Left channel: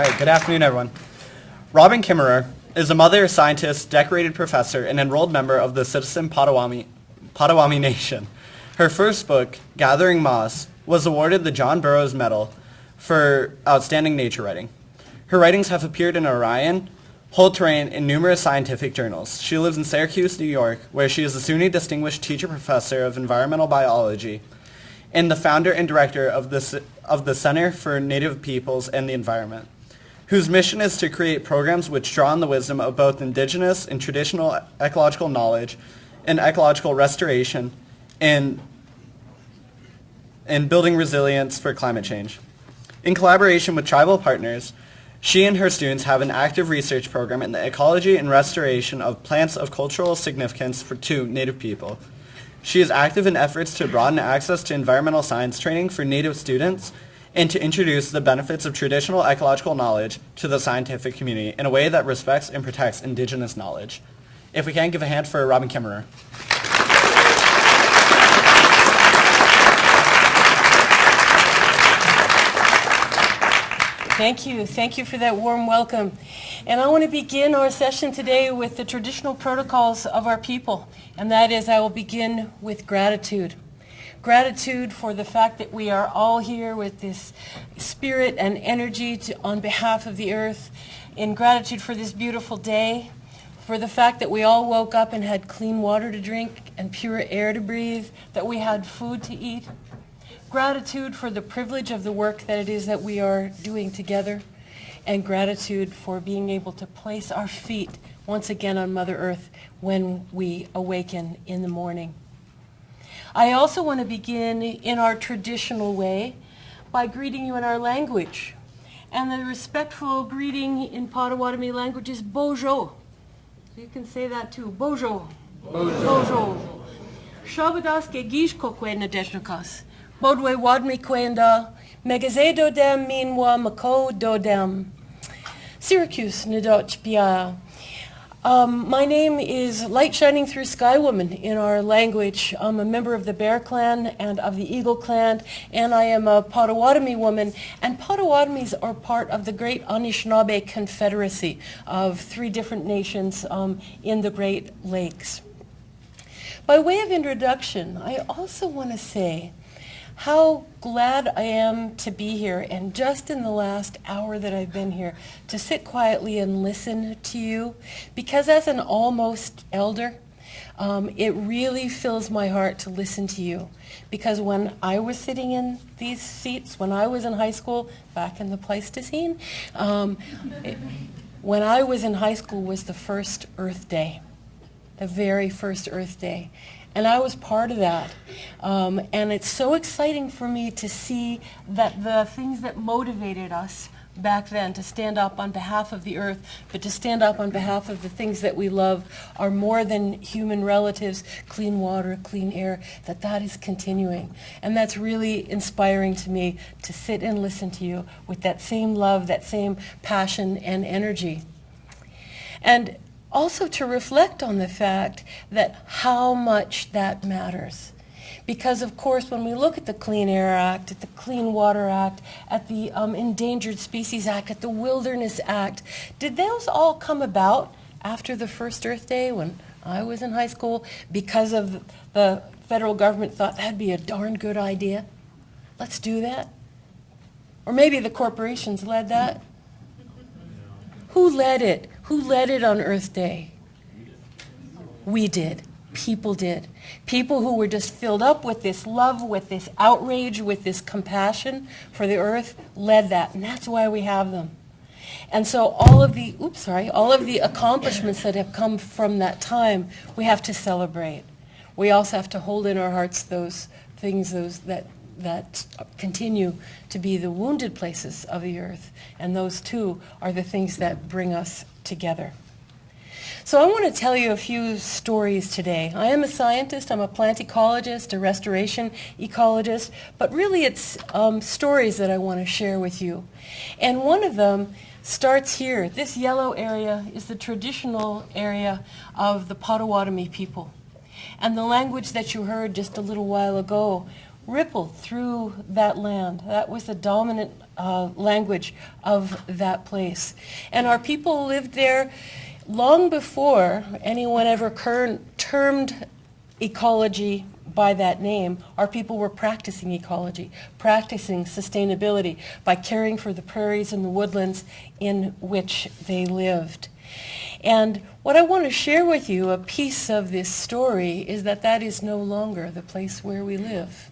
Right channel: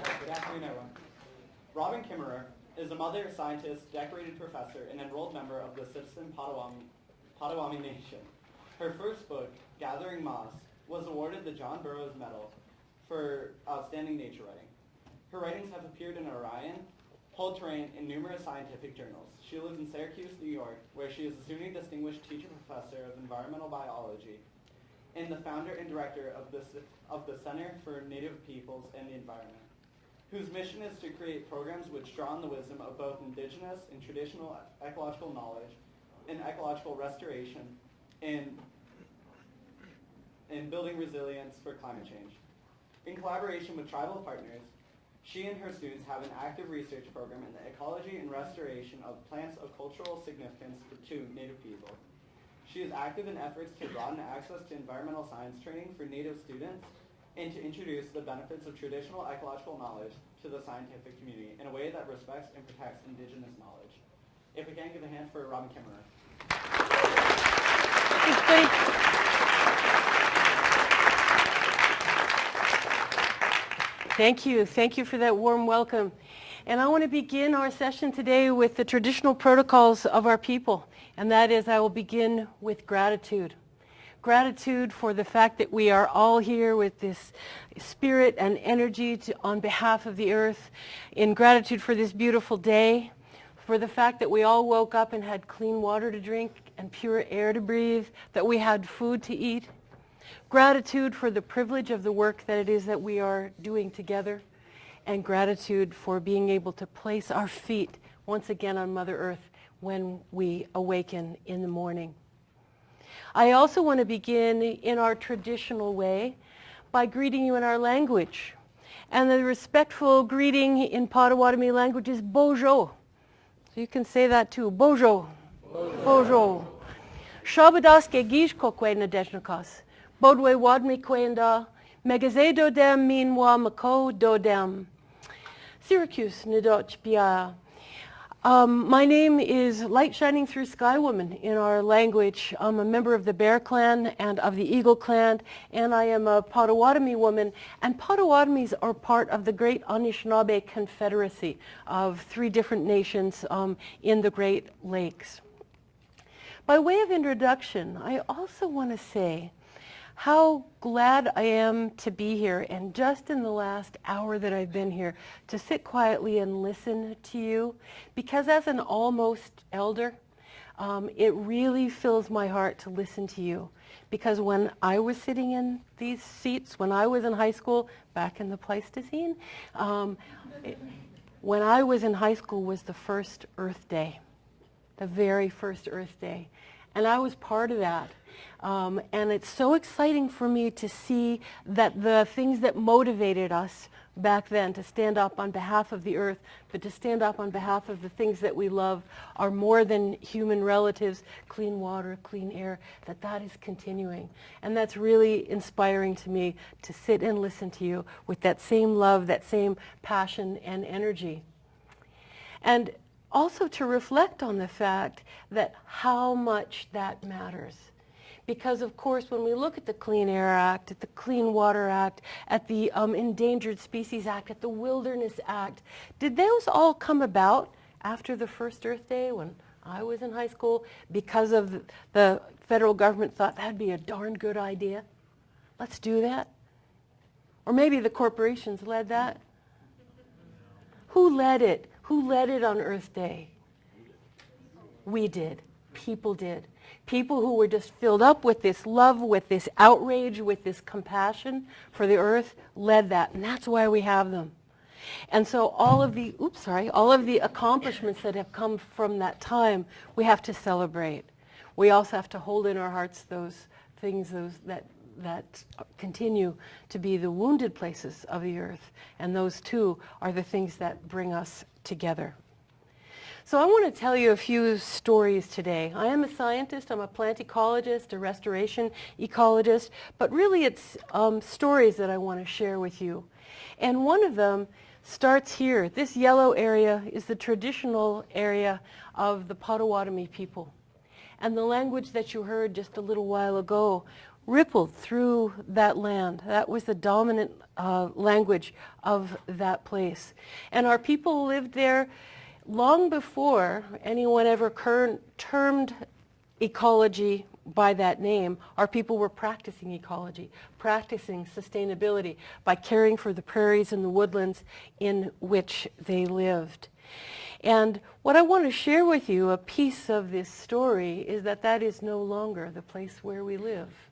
All right, good afternoon, everyone. Robin Kimmerer is a mother, scientist, decorated professor, and enrolled member of the citizen Potawatomi Nation. Her first book, Gathering Moss, was awarded the John Burroughs Medal for outstanding nature writing. Her writings have appeared in Orion, Whole Terrain, and numerous scientific journals. She lives in Syracuse, New York, where she is a SUNY Distinguished Teacher Professor of Environmental Biology and the founder and director of the Center for Native Peoples and the Environment, whose mission is to create programs which draw on the wisdom of both indigenous and traditional ecological knowledge and ecological restoration and building resilience for climate change. In collaboration with tribal partners, she and her students have an active research program in the ecology and restoration of plants of cultural significance to Native people. She is active in efforts to broaden access to environmental science training for Native students and to introduce the benefits of traditional ecological knowledge to the scientific community in a way that respects and protects Indigenous knowledge. If we can, give a hand for Robin Kimmerer. Thank you. Thank you for that warm welcome. And I want to begin our session today with the traditional protocols of our people. And that is, I will begin with gratitude. Gratitude for the fact that we are all here with this spirit and energy on behalf of the earth. In gratitude for this beautiful day, for the fact that we all woke up and had clean water to drink and pure air to breathe, that we had food to eat. Gratitude for the privilege of the work that it is that we are doing together, and gratitude for being able to place our feet once again on Mother Earth when we awaken in the morning. I also want to begin in our traditional way by greeting you in our language. And the respectful greeting in Potawatomi language is Bojo. So you can say that too. Bojo. Bojo. Shabadaske gish kokwe nadeshnakas. Bodwe wadmi kwenda, megaze dodem minwa mako dodem. Syracuse Nadoch Bia. My name is Light Shining Through Sky Woman in our language. I'm a member of the Bear Clan and of the Eagle Clan, and I am a Potawatomi woman. And Potawatomis are part of the great Anishinaabe Confederacy of 3 different nations in the Great Lakes. By way of introduction, I also want to say how glad I am to be here, and just in the last hour that I've been here, to sit quietly and listen to you, because as an almost elder, it really fills my heart to listen to you. Because when I was sitting in these seats, when I was in high school, back in the Pleistocene, when I was in high school was the first Earth Day, the very first Earth Day. And I was part of that. And it's so exciting for me to see that the things that motivated us back then to stand up on behalf of the earth, but to stand up on behalf of the things that we love are more than human relatives, clean water, clean air, that is continuing. And that's really inspiring to me to sit and listen to you with that same love, that same passion and energy. And also to reflect on the fact that how much that matters. Because of course when we look at the Clean Air Act, at the Clean Water Act, at the Endangered Species Act, at the Wilderness Act, did those all come about after the first Earth Day when I was in high school because of the federal government thought that'd be a darn good idea? Let's do that. Or maybe the corporations led that. Who led it? Who led it on Earth Day? We did. People did. People who were just filled up with this love, with this outrage, with this compassion for the earth led that. And that's why we have them. And so all of the accomplishments that have come from that time, we have to celebrate. We also have to hold in our hearts those things, that continue to be the wounded places of the earth. And those too are the things that bring us together. So I want to tell you a few stories today. I am a scientist, I'm a plant ecologist, a restoration ecologist, but really it's stories that I want to share with you. And one of them starts here. This yellow area is the traditional area of the Potawatomi people. And the language that you heard just a little while ago rippled through that land. That was the dominant language of that place. And our people lived there long before anyone ever termed ecology by that name. Our people were practicing ecology, practicing sustainability by caring for the prairies and the woodlands in which they lived. And what I want to share with you, a piece of this story, is that that is no longer the place where we live.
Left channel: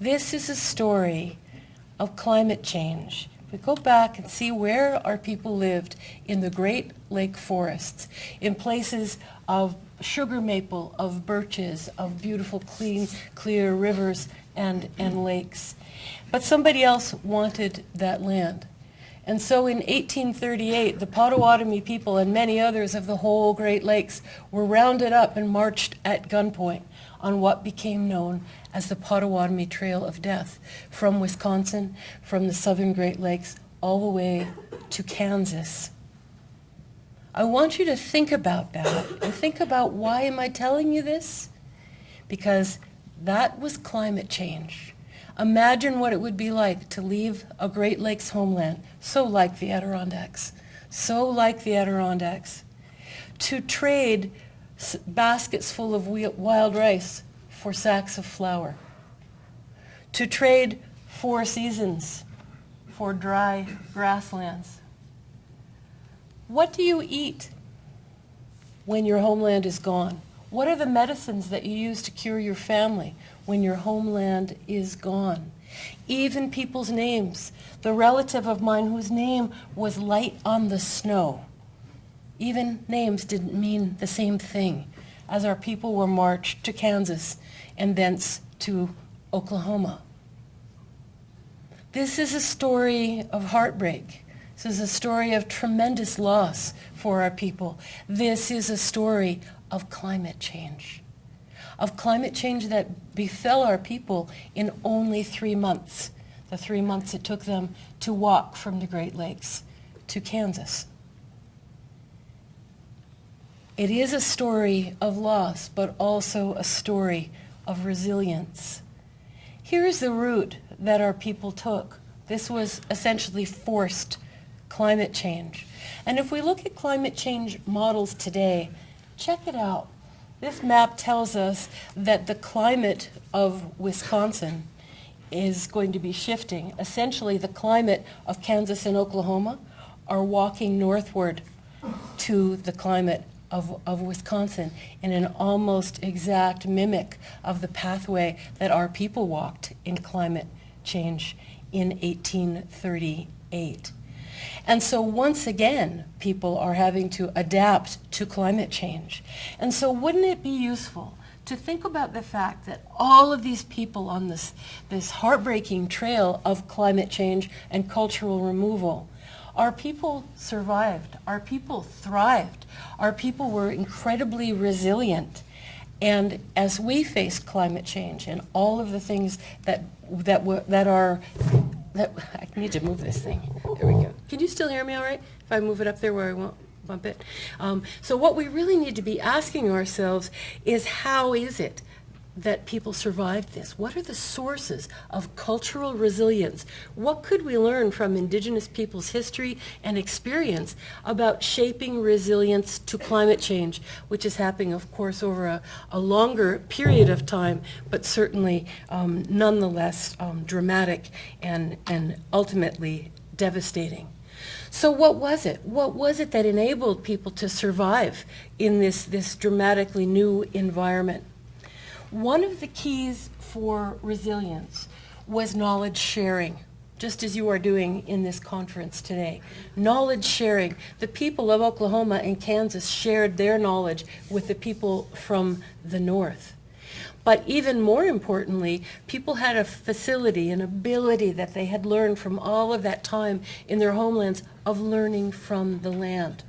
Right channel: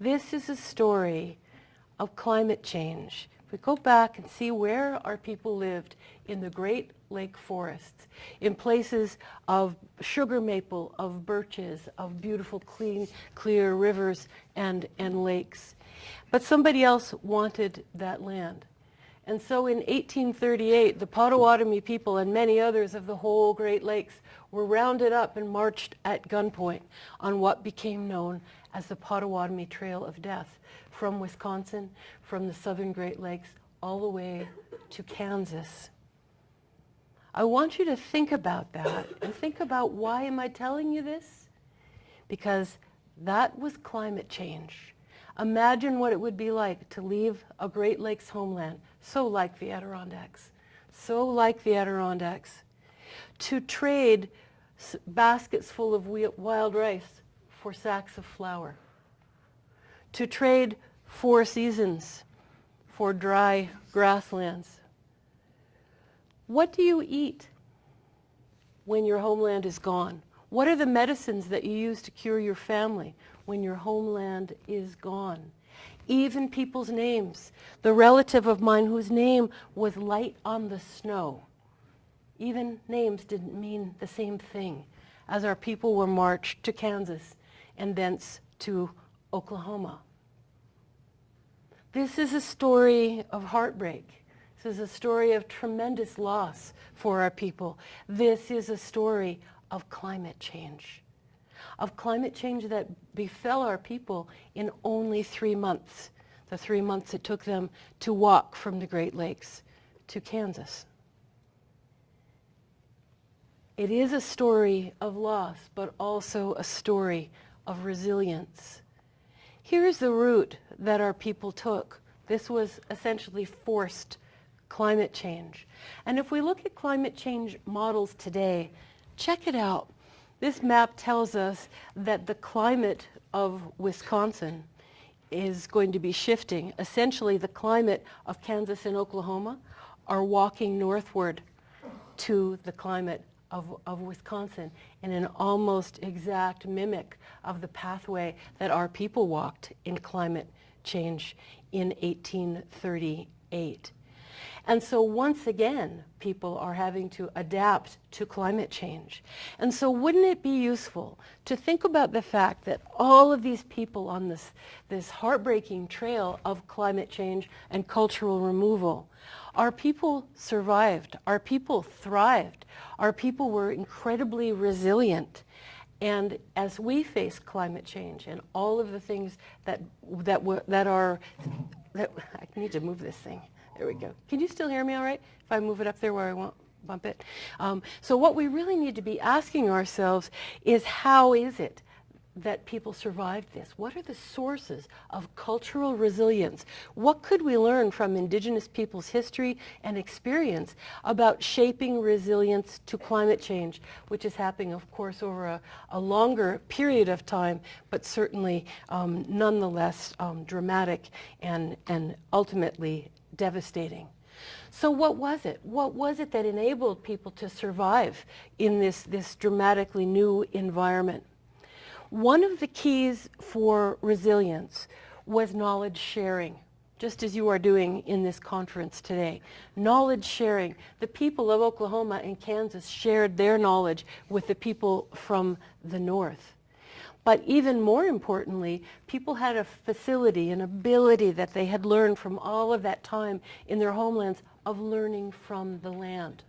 This is a story of climate change. We go back and see where our people lived in the Great Lake forests, in places of sugar maple, of birches, of beautiful, clean, clear rivers and lakes. But somebody else wanted that land. And so in 1838, the Potawatomi people and many others of the whole Great Lakes were rounded up and marched at gunpoint on what became known as the Potawatomi Trail of Death, from Wisconsin, from the southern Great Lakes, all the way to Kansas. I want you to think about that and think about, why am I telling you this? Because that was climate change. Imagine what it would be like to leave a Great Lakes homeland, so like the Adirondacks, to trade baskets full of wild rice for sacks of flour, to trade 4 seasons for dry grasslands. What do you eat when your homeland is gone? What are the medicines that you use to cure your family when your homeland is gone? Even people's names. The relative of mine whose name was Light on the Snow. Even names didn't mean the same thing as our people were marched to Kansas and thence to Oklahoma. This is a story of heartbreak. This is a story of tremendous loss for our people. This is a story of climate change that befell our people in only 3 months, the 3 months it took them to walk from the Great Lakes to Kansas. It is a story of loss, but also a story of resilience. Here's the route that our people took. This was essentially forced climate change. And if we look at climate change models today, check it out. This map tells us that the climate of Wisconsin is going to be shifting. Essentially, the climate of Kansas and Oklahoma are walking northward to the climate of Wisconsin in an almost exact mimic of the pathway that our people walked in climate change in 1838. And so once again, people are having to adapt to climate change. And so wouldn't it be useful to think about the fact that all of these people on this heartbreaking trail of climate change and cultural removal, our people survived, our people thrived, our people were incredibly resilient. And as we face climate change and all of the things that I need to move this thing. There we go. Can you still hear me all right? If I move it up there where I won't bump it. So what we really need to be asking ourselves is, how is it that people survived this? What are the sources of cultural resilience? What could we learn from Indigenous people's history and experience about shaping resilience to climate change, which is happening, of course, over a longer period of time, but certainly nonetheless dramatic and ultimately devastating. So what was it? What was it that enabled people to survive in this dramatically new environment? One of the keys for resilience was knowledge sharing, just as you are doing in this conference today. Knowledge sharing. The people of Oklahoma and Kansas shared their knowledge with the people from the north. But even more importantly, people had a facility, an ability that they had learned from all of that time in their homelands of learning from the land.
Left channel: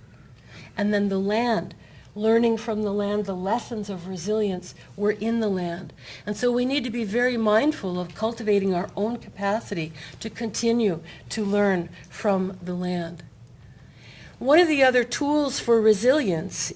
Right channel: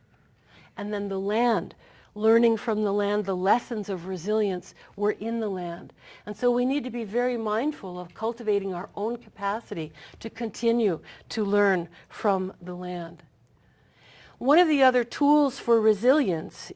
And then the land, learning from the land, the lessons of resilience were in the land. And so we need to be very mindful of cultivating our own capacity to continue to learn from the land. One of the other tools for resilience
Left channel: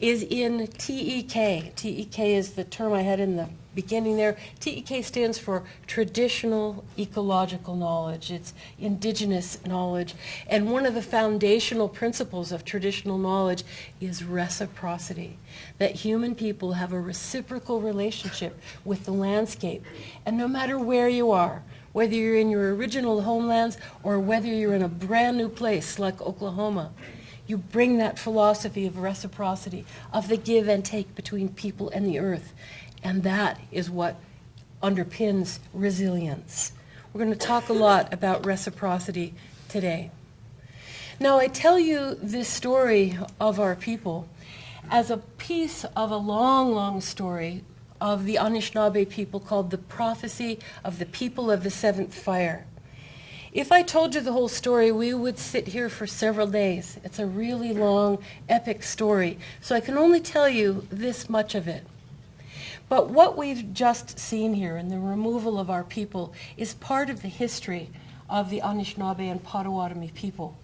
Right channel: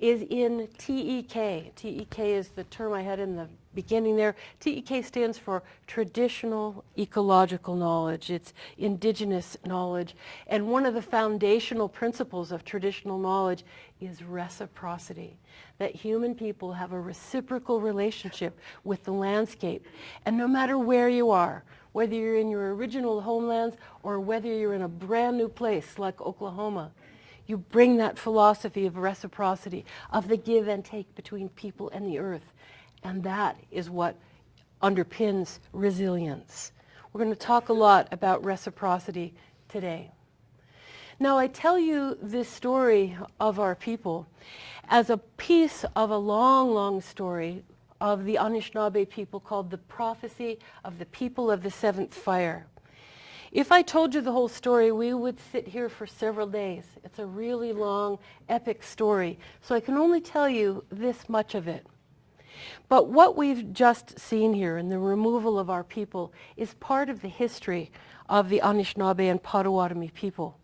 is in TEK. TEK is the term I had in the beginning there. TEK stands for traditional ecological knowledge. It's indigenous knowledge. And one of the foundational principles of traditional knowledge is reciprocity, that human people have a reciprocal relationship with the landscape. And no matter where you are, whether you're in your original homelands or whether you're in a brand new place like Oklahoma, you bring that philosophy of reciprocity, of the give and take between people and the earth. And that is what underpins resilience. We're going to talk a lot about reciprocity today. Now, I tell you this story of our people as a piece of a long, long story of the Anishinaabe people called The Prophecy of the People of the Seventh Fire. If I told you the whole story, we would sit here for several days. It's a really long, epic story, so I can only tell you this much of it. But what we've just seen here in the removal of our people is part of the history of the Anishinaabe and Potawatomi people.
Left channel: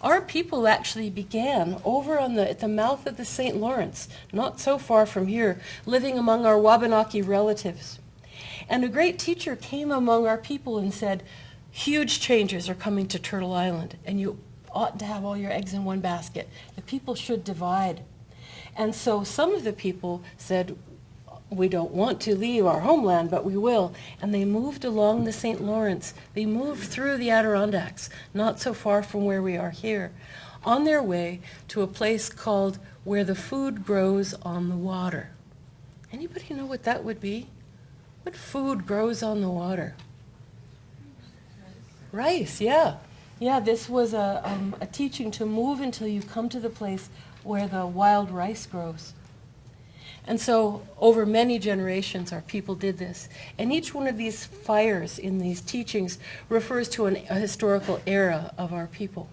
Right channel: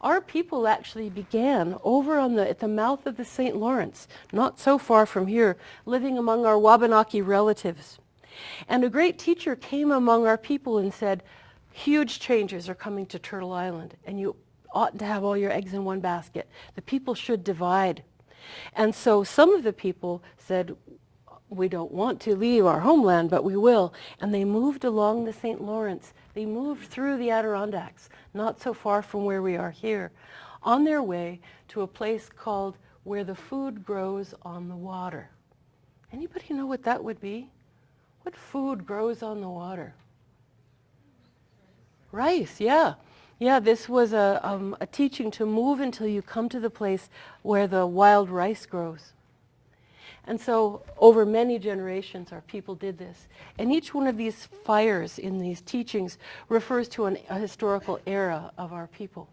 Our people actually began over at the mouth of the St. Lawrence, not so far from here, living among our Wabanaki relatives. And a great teacher came among our people and said, huge changes are coming to Turtle Island, and you oughtn't to have all your eggs in one basket. The people should divide. And so some of the people said, we don't want to leave our homeland, but we will. And they moved along the St. Lawrence. They moved through the Adirondacks, not so far from where we are here, on their way to a place called Where the Food Grows on the Water. Anybody know what that would be? What food grows on the water? Rice, yeah. Yeah, this was a teaching to move until you come to the place where the wild rice grows. And so over many generations, our people did this. And each one of these fires in these teachings refers to a historical era of our people.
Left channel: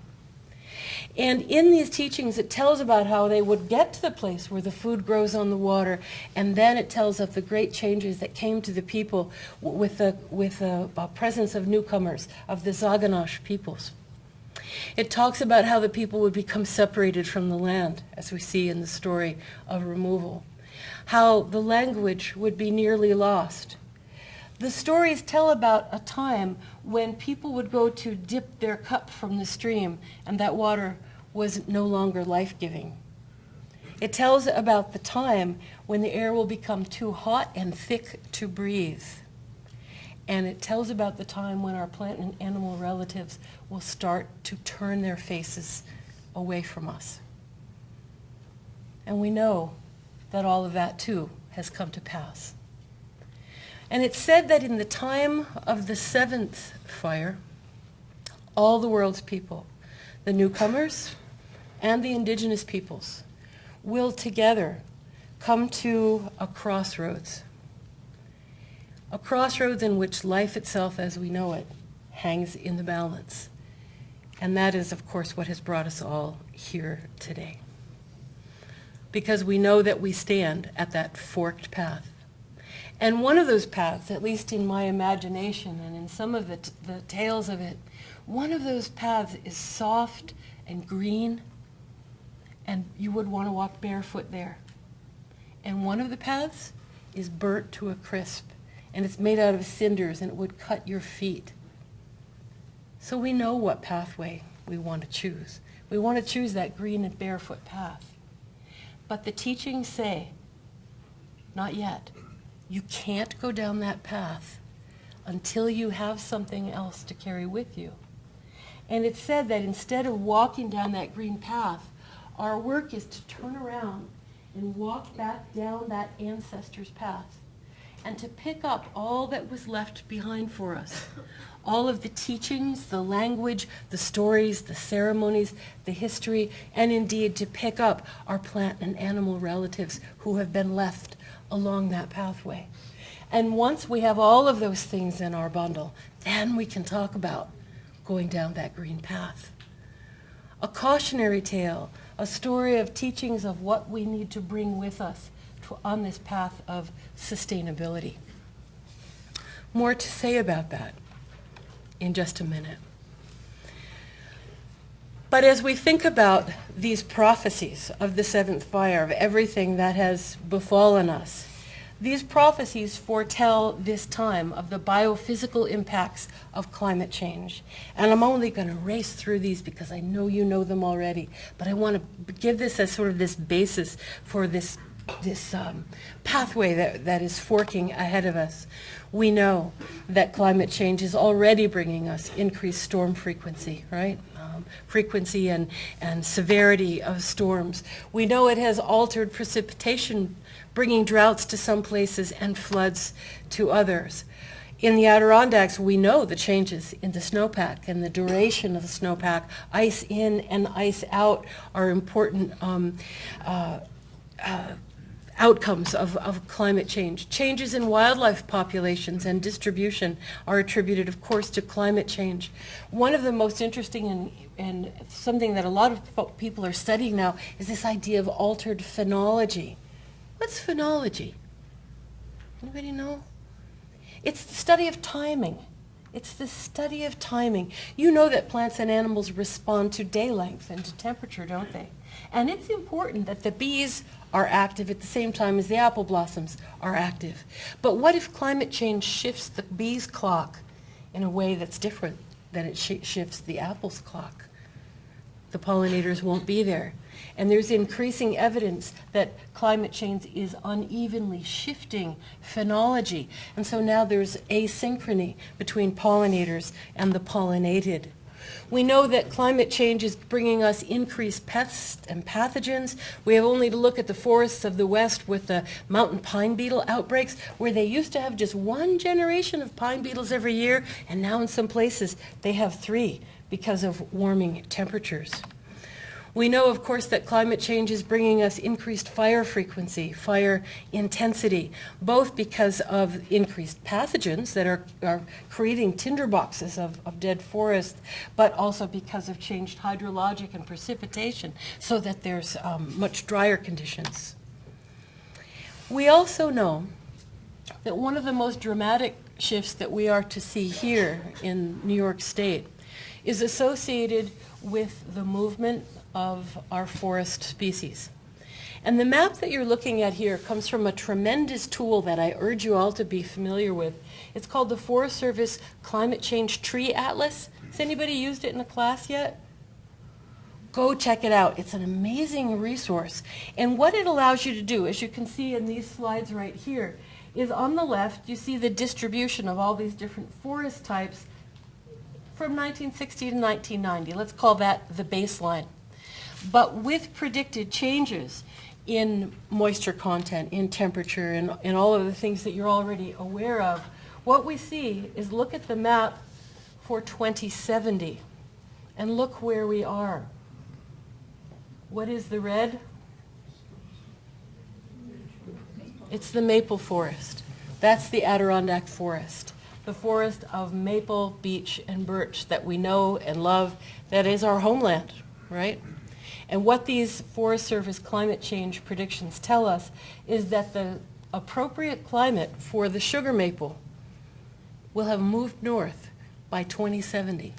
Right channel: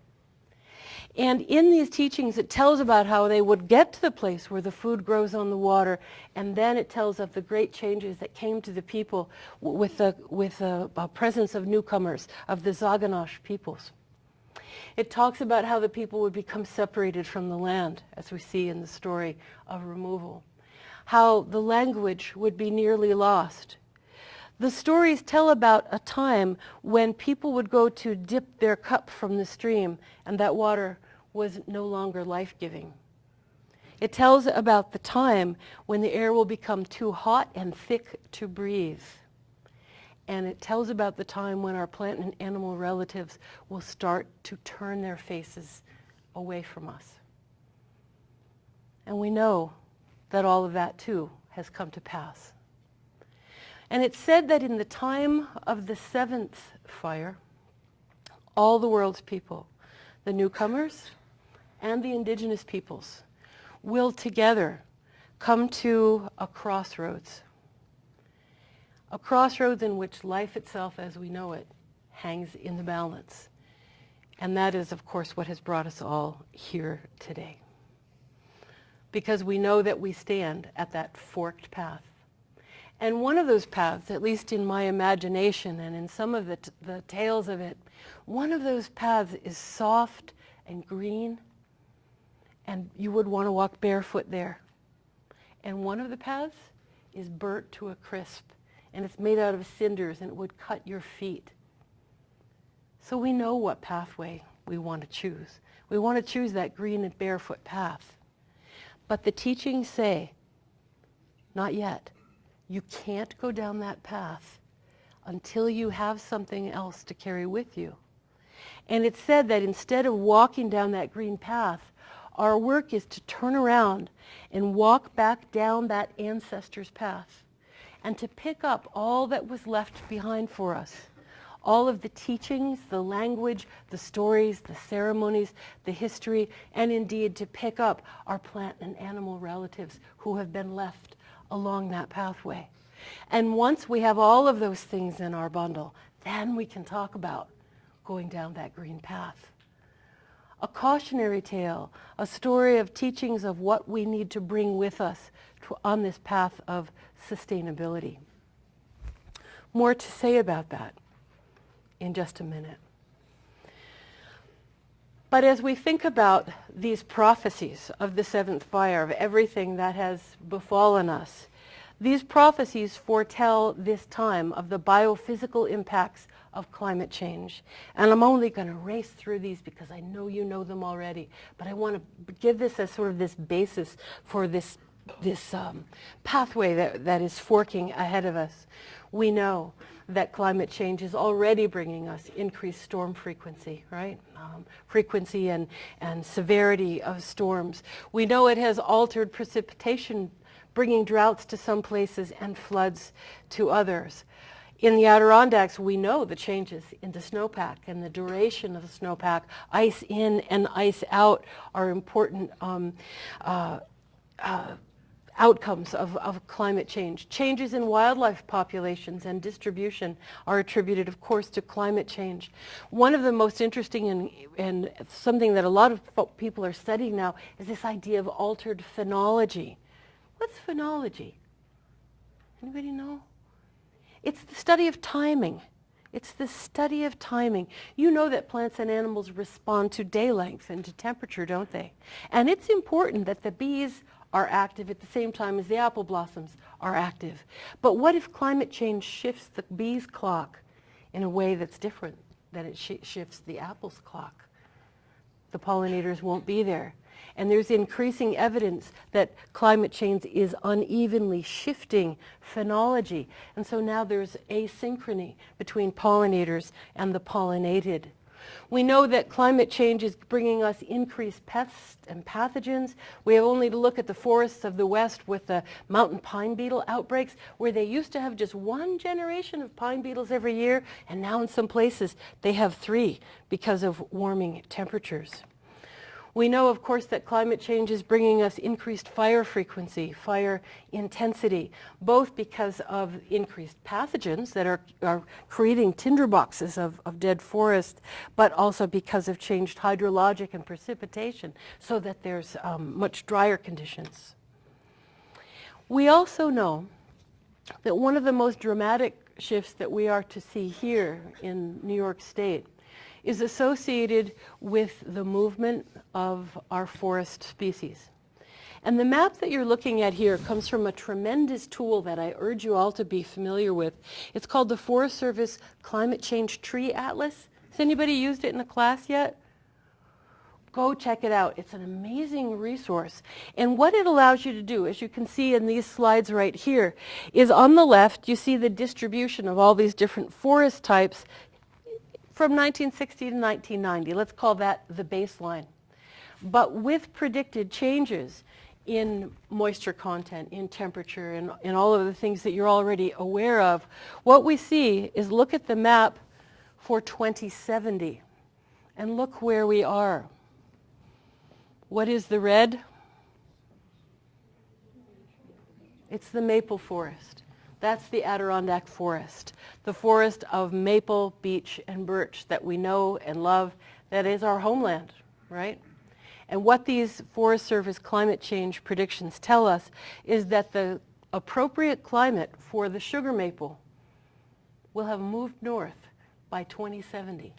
And in these teachings, it tells about how they would get to the place where the food grows on the water, and then it tells of the great changes that came to the people with the presence of newcomers, of the Zaganash peoples. It talks about how the people would become separated from the land, as we see in the story of removal. How the language would be nearly lost. The stories tell about a time when people would go to dip their cup from the stream, and that water was no longer life-giving. It tells about the time when the air will become too hot and thick to breathe. And it tells about the time when our plant and animal relatives will start to turn their faces away from us. And we know that all of that too has come to pass. And it's said that in the time of the seventh fire, all the world's people, the newcomers and the indigenous peoples, will together come to a crossroads in which life itself as we know it hangs in the balance. And that is, of course, what has brought us all here today. Because we know that we stand at that forked path. And one of those paths, at least in my imagination and in some of the tales of it, one of those paths is soft and green, and you would want to walk barefoot there. And one of the paths is burnt to a crisp, and it's made out of cinders, and it would cut your feet. So we know what pathway we want to choose. We want to choose that green and barefoot path. But the teachings say, not yet. You can't go down that path until you have something else to carry with you. And it's said that instead of walking down that green path, our work is to turn around and walk back down that ancestor's path and to pick up all that was left behind for us. All of the teachings, the language, the stories, the ceremonies, the history, and indeed to pick up our plant and animal relatives who have been left along that pathway. And once we have all of those things in our bundle, then we can talk about going down that green path. A cautionary tale, a story of teachings of what we need to bring with us on this path of sustainability. More to say about that in just a minute. But as we think about these prophecies of the seventh fire, of everything that has befallen us, these prophecies foretell this time of the biophysical impacts of climate change. And I'm only going to race through these because I know you know them already, but I want to give this as sort of this basis for this pathway that is forking ahead of us. We know that climate change is already bringing us increased storm frequency, right? Frequency and severity of storms. We know it has altered precipitation, bringing droughts to some places and floods to others. In the Adirondacks, we know the changes in the snowpack and the duration of the snowpack. Ice in and ice out are important outcomes of climate change. Changes in wildlife populations and distribution are attributed, of course, to climate change. One of the most interesting and something that a lot of people are studying now is this idea of altered phenology. What's phenology? Anybody know? It's the study of timing. It's the study of timing. You know that plants and animals respond to day length and to temperature, don't they? And it's important that the bees are active at the same time as the apple blossoms are active. But what if climate change shifts the bee's clock in a way that's different than it shifts the apple's clock? The pollinators won't be there. And there's increasing evidence that climate change is unevenly shifting phenology. And so now there's asynchrony between pollinators and the pollinated. We know that climate change is bringing us increased pests and pathogens. We have only to look at the forests of the West with the mountain pine beetle outbreaks, where they used to have just one generation of pine beetles every year, and now in some places they have 3 because of warming temperatures. We know, of course, that climate change is bringing us increased fire frequency, fire intensity, both because of increased pathogens that are creating tinderboxes of dead forests, but also because of changed hydrologic and precipitation, so that there's much drier conditions. We also know that one of the most dramatic shifts that we are to see here in New York State is associated with the movement of our forest species. And the map that you're looking at here comes from a tremendous tool that I urge you all to be familiar with. It's called the Forest Service Climate Change Tree Atlas. Has anybody used it in a class yet? Go check it out. It's an amazing resource. And what it allows you to do, as you can see in these slides right here, is on the left you see the distribution of all these different forest types from 1960 to 1990. Let's call that the baseline. But with predicted changes in moisture content, in temperature, and in all of the things that you're already aware of, what we see is look at the map for 2070 and look where we are. What is the red? It's the maple forest. That's the Adirondack forest, the forest of maple, beech, and birch that we know and love, that is our homeland, right? And what these Forest Service climate change predictions tell us is that the appropriate climate for the sugar maple will have moved north by 2070.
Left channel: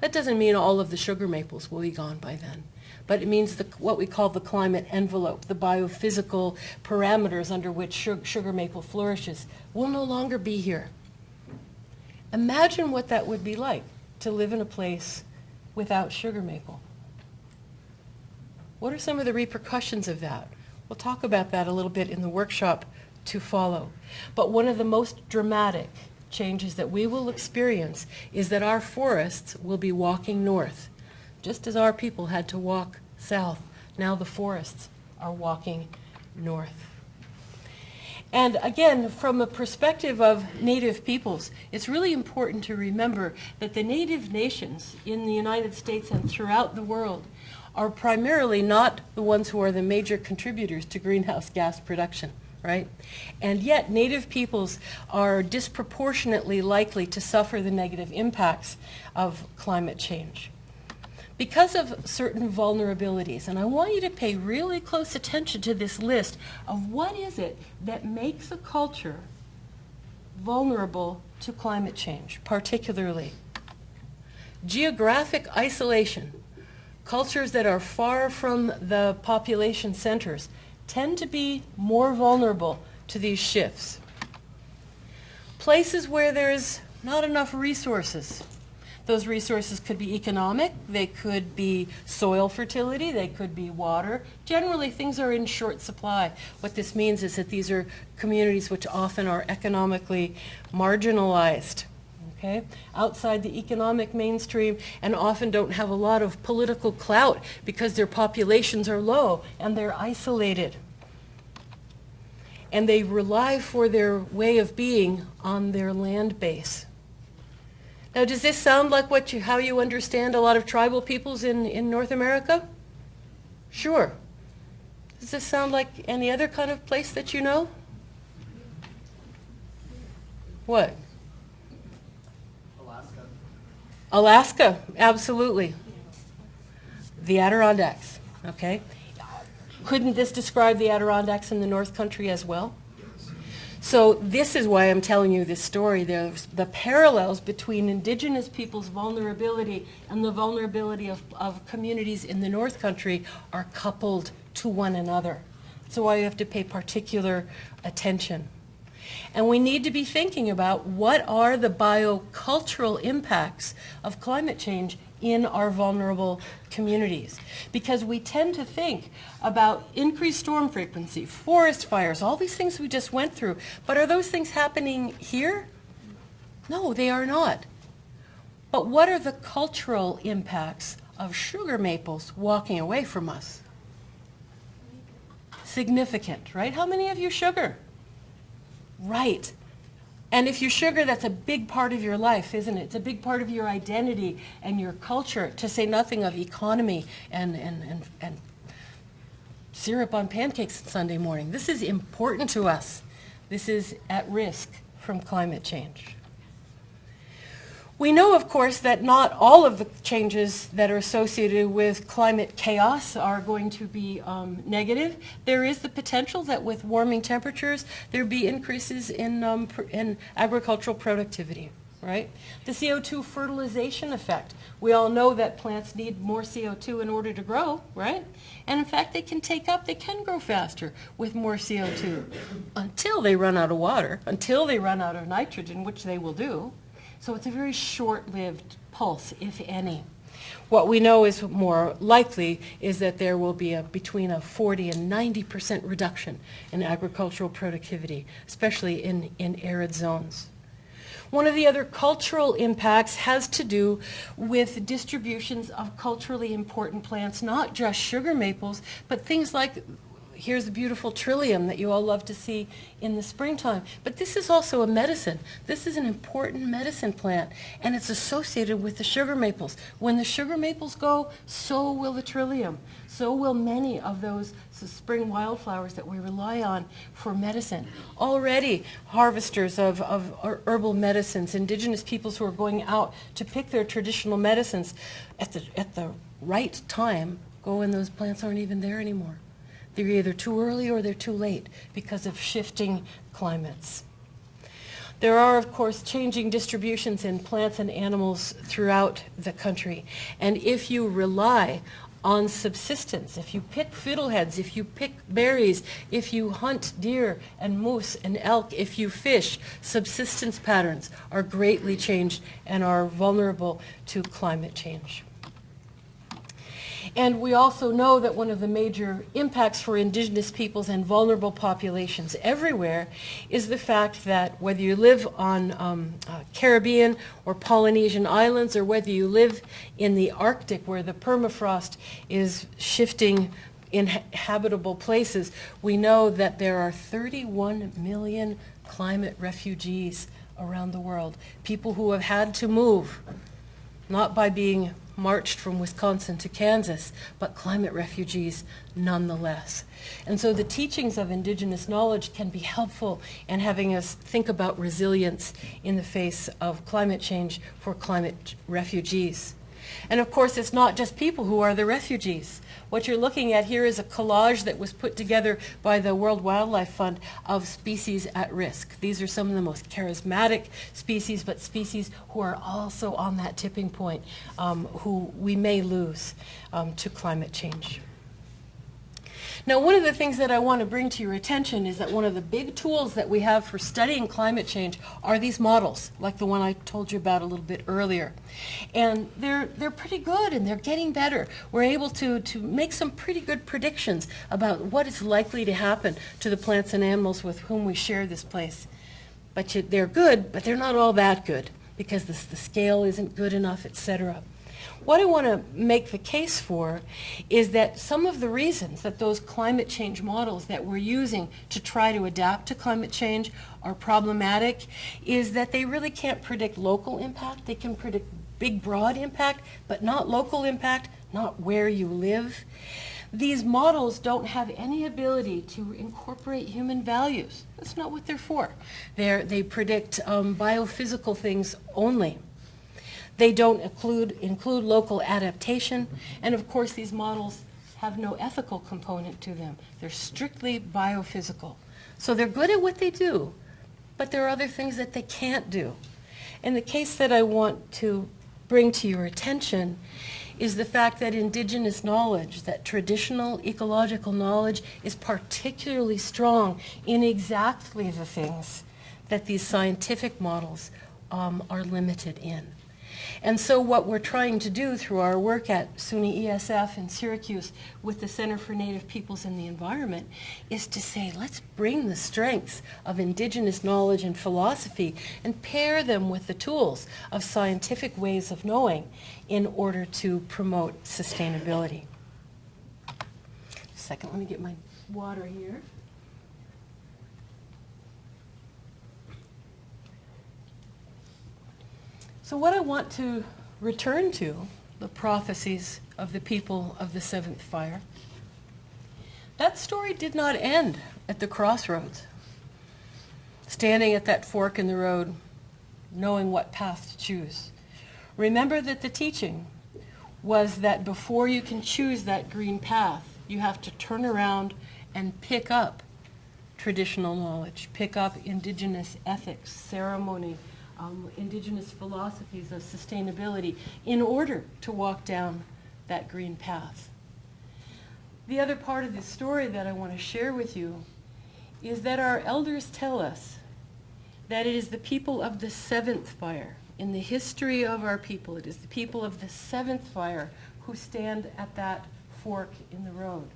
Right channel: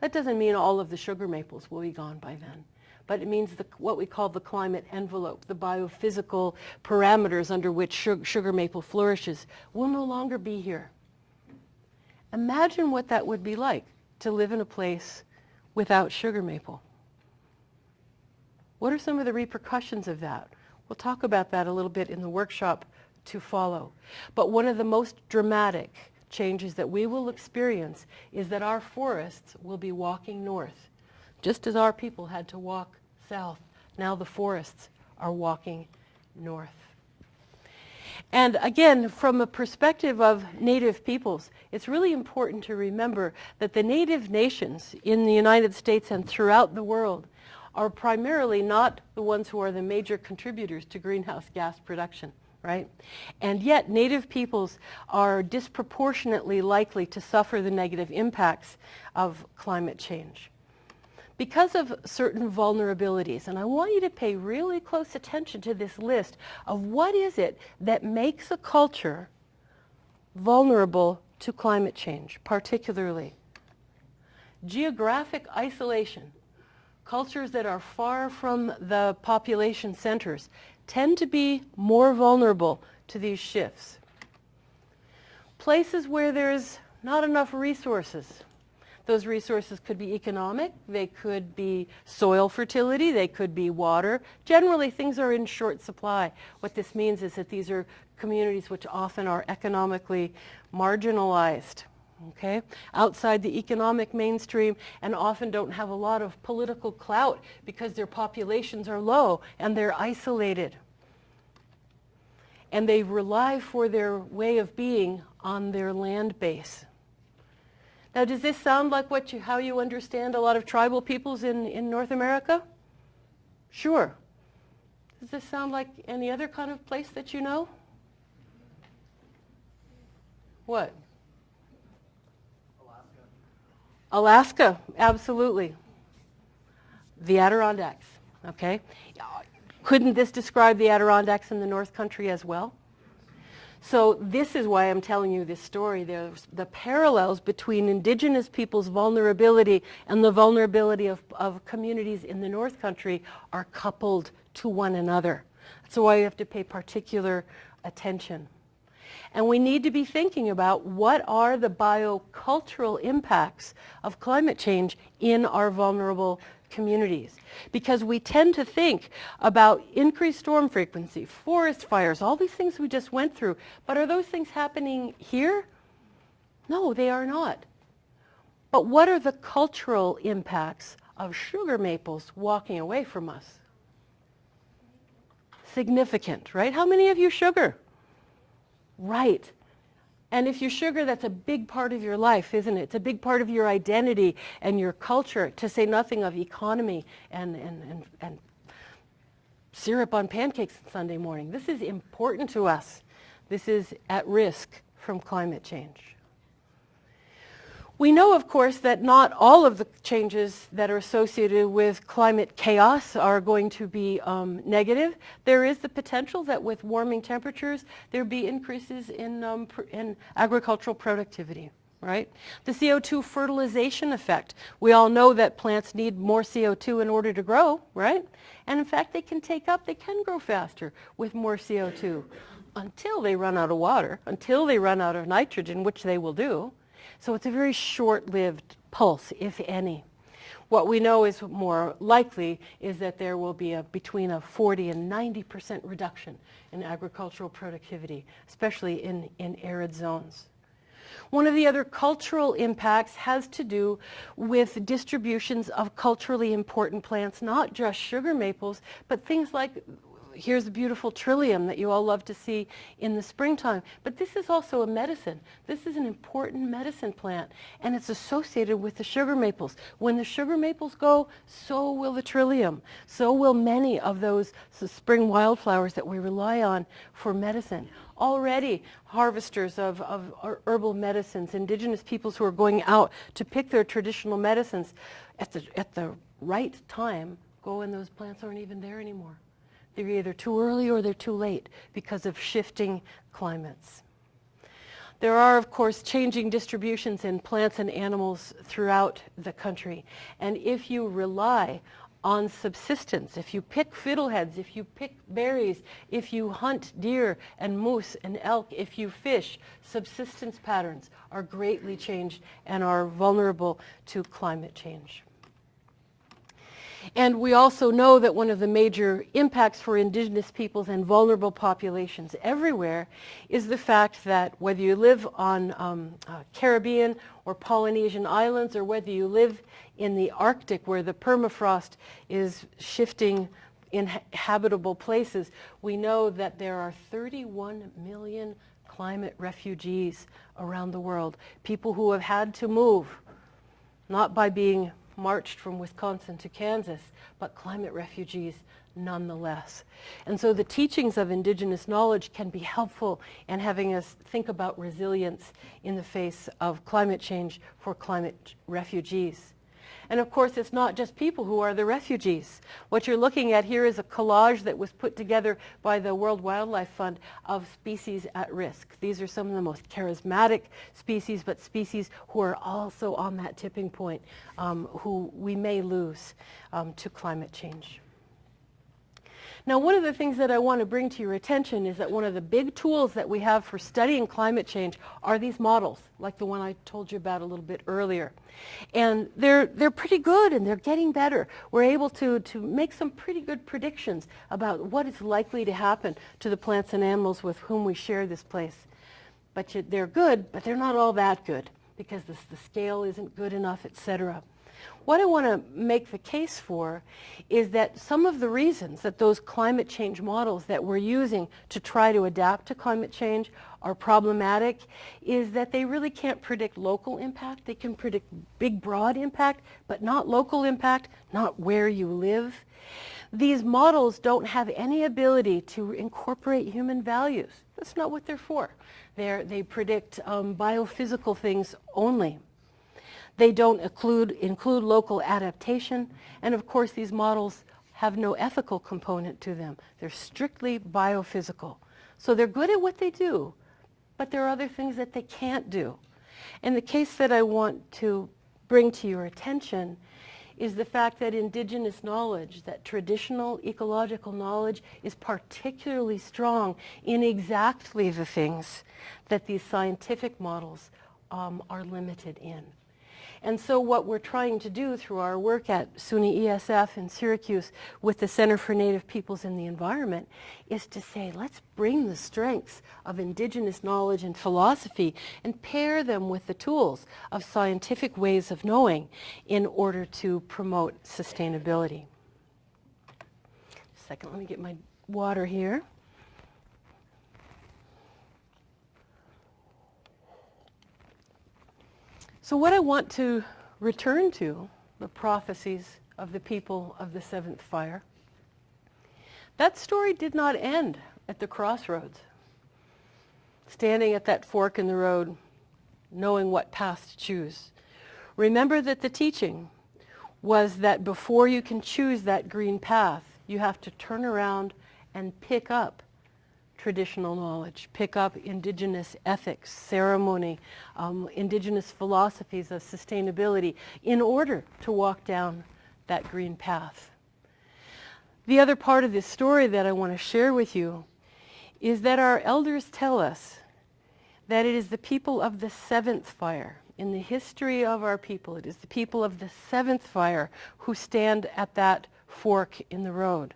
That doesn't mean all of the sugar maples will be gone by then, but it means what we call the climate envelope, the biophysical parameters under which sugar maple flourishes, will no longer be here. Imagine what that would be like to live in a place without sugar maple. What are some of the repercussions of that? We'll talk about that a little bit in the workshop to follow. But one of the most dramatic changes that we will experience is that our forests will be walking north. Just as our people had to walk south, now the forests are walking north. And again, from a perspective of Native peoples, it's really important to remember that the Native nations in the United States and throughout the world are primarily not the ones who are the major contributors to greenhouse gas production, right? And yet Native peoples are disproportionately likely to suffer the negative impacts of climate change because of certain vulnerabilities. And I want you to pay really close attention to this list of what is it that makes a culture vulnerable to climate change, particularly. Geographic isolation. Cultures that are far from the population centers tend to be more vulnerable to these shifts. Places where there's not enough resources. Those resources could be economic, they could be soil fertility, they could be water. Generally, things are in short supply. What this means is that these are communities which often are economically marginalized, okay? Outside the economic mainstream, and often don't have a lot of political clout because their populations are low and they're isolated. And they rely for their way of being on their land base. Now, does this sound like how you understand a lot of tribal peoples in North America? Sure. Does this sound like any other kind of place that you know? What? Alaska, absolutely. The Adirondacks, okay? Couldn't this describe the Adirondacks in the North Country as well? So this is why I'm telling you this story. There's the parallels between Indigenous people's vulnerability and the vulnerability of communities in the North Country are coupled to one another. That's why you have to pay particular attention. And we need to be thinking about what are the biocultural impacts of climate change in our vulnerable communities. Because we tend to think about increased storm frequency, forest fires, all these things we just went through. But are those things happening here? No, they are not. But what are the cultural impacts of sugar maples walking away from us? Significant, right? How many of you sugar? Right. And if you sugar, that's a big part of your life, isn't it? It's a big part of your identity and your culture, to say nothing of economy and syrup on pancakes Sunday morning. This is important to us. This is at risk from climate change. We know, of course, that not all of the changes that are associated with climate chaos are going to be negative. There is the potential that with warming temperatures, there be increases in agricultural productivity, right? The CO2 fertilization effect. We all know that plants need more CO2 in order to grow, right? And in fact, they can grow faster with more CO2 until they run out of water, until they run out of nitrogen, which they will do. So it's a very short-lived pulse, if any. What we know is more likely is that there will be between a 40 and 90% reduction in agricultural productivity, especially in arid zones. One of the other cultural impacts has to do with distributions of culturally important plants, not just sugar maples, but things like, here's the beautiful trillium that you all love to see in the springtime. But this is also a medicine. This is an important medicine plant, and it's associated with the sugar maples. When the sugar maples go, so will the trillium. So will many of those spring wildflowers that we rely on for medicine. Already, harvesters of herbal medicines, Indigenous peoples who are going out to pick their traditional medicines at the right time, go when those plants aren't even there anymore. They're either too early or they're too late because of shifting climates. There are, of course, changing distributions in plants and animals throughout the country. And if you rely on subsistence, if you pick fiddleheads, if you pick berries, if you hunt deer and moose and elk, if you fish, subsistence patterns are greatly changed and are vulnerable to climate change. And we also know that one of the major impacts for Indigenous peoples and vulnerable populations everywhere is the fact that whether you live on Caribbean or Polynesian islands, or whether you live in the Arctic where the permafrost is shifting in habitable places, we know that there are 31 million climate refugees around the world. People who have had to move, not by being marched from Wisconsin to Kansas, but climate refugees nonetheless. And so the teachings of Indigenous knowledge can be helpful in having us think about resilience in the face of climate change for climate refugees. And of course, it's not just people who are the refugees. What you're looking at here is a collage that was put together by the World Wildlife Fund of species at risk. These are some of the most charismatic species, but species who are also on that tipping point, who we may lose to climate change. Now, one of the things that I want to bring to your attention is that one of the big tools that we have for studying climate change are these models, like the one I told you about a little bit earlier. And they're pretty good, and they're getting better. We're able to make some pretty good predictions about what is likely to happen to the plants and animals with whom we share this place. But they're good, but they're not all that good, because the scale isn't good enough, etc. What I want to make the case for is that some of the reasons that those climate change models that we're using to try to adapt to climate change are problematic is that they really can't predict local impact. They can predict big, broad impact, but not local impact, not where you live. These models don't have any ability to incorporate human values. That's not what they're for. They predict biophysical things only. They don't include local adaptation, and of course these models have no ethical component to them. They're strictly biophysical. So they're good at what they do, but there are other things that they can't do. And the case that I want to bring to your attention is the fact that Indigenous knowledge, that traditional ecological knowledge, is particularly strong in exactly the things that these scientific models are limited in. And so what we're trying to do through our work at SUNY ESF in Syracuse with the Center for Native Peoples and the Environment is to say, let's bring the strengths of Indigenous knowledge and philosophy and pair them with the tools of scientific ways of knowing in order to promote sustainability. Second, let me get my water here. So what I want to return to, the prophecies of the people of the seventh fire, that story did not end at the crossroads, standing at that fork in the road, knowing what path to choose. Remember that the teaching was that before you can choose that green path, you have to turn around and pick up traditional knowledge, pick up Indigenous ethics, ceremony, Indigenous philosophies of sustainability in order to walk down that green path. The other part of this story that I want to share with you is that our elders tell us that it is the people of the seventh fire. In the history of our people, it is the people of the seventh fire who stand at that fork in the road.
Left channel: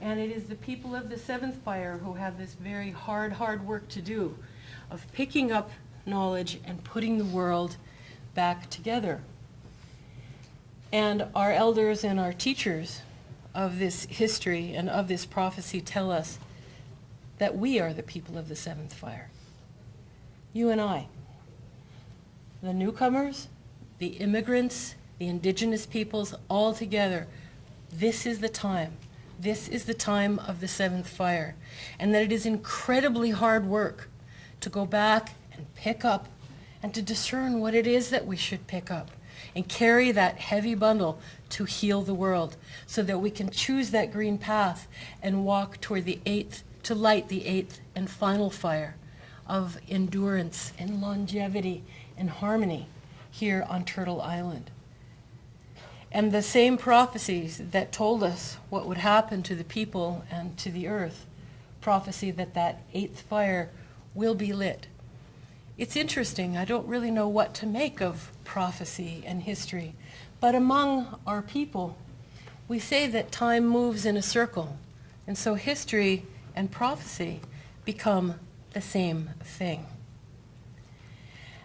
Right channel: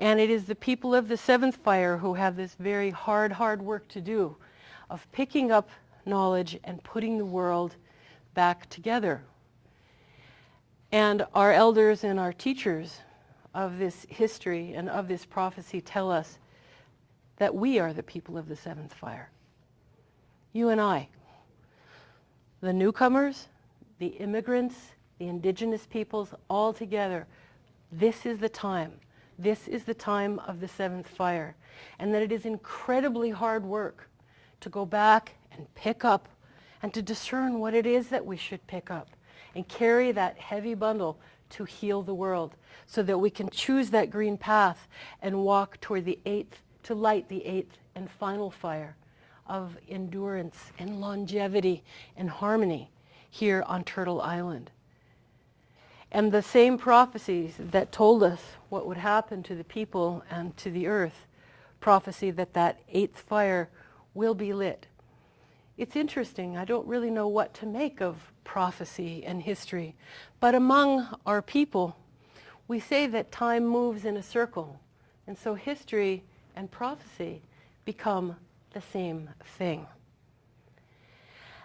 And it is the people of the seventh fire who have this very hard work to do of picking up knowledge and putting the world back together. And our elders and our teachers of this history and of this prophecy tell us that we are the people of the seventh fire. You and I. The newcomers, the immigrants, the Indigenous peoples, all together. This is the time. This is the time of the seventh fire. And that it is incredibly hard work to go back and pick up and to discern what it is that we should pick up and carry that heavy bundle to heal the world so that we can choose that green path and walk toward the eighth, to light the eighth and final fire of endurance and longevity and harmony here on Turtle Island. And the same prophecies that told us what would happen to the people and to the earth, prophecy that that eighth fire will be lit. It's interesting, I don't really know what to make of prophecy and history, but among our people, we say that time moves in a circle, and so history and prophecy become the same thing.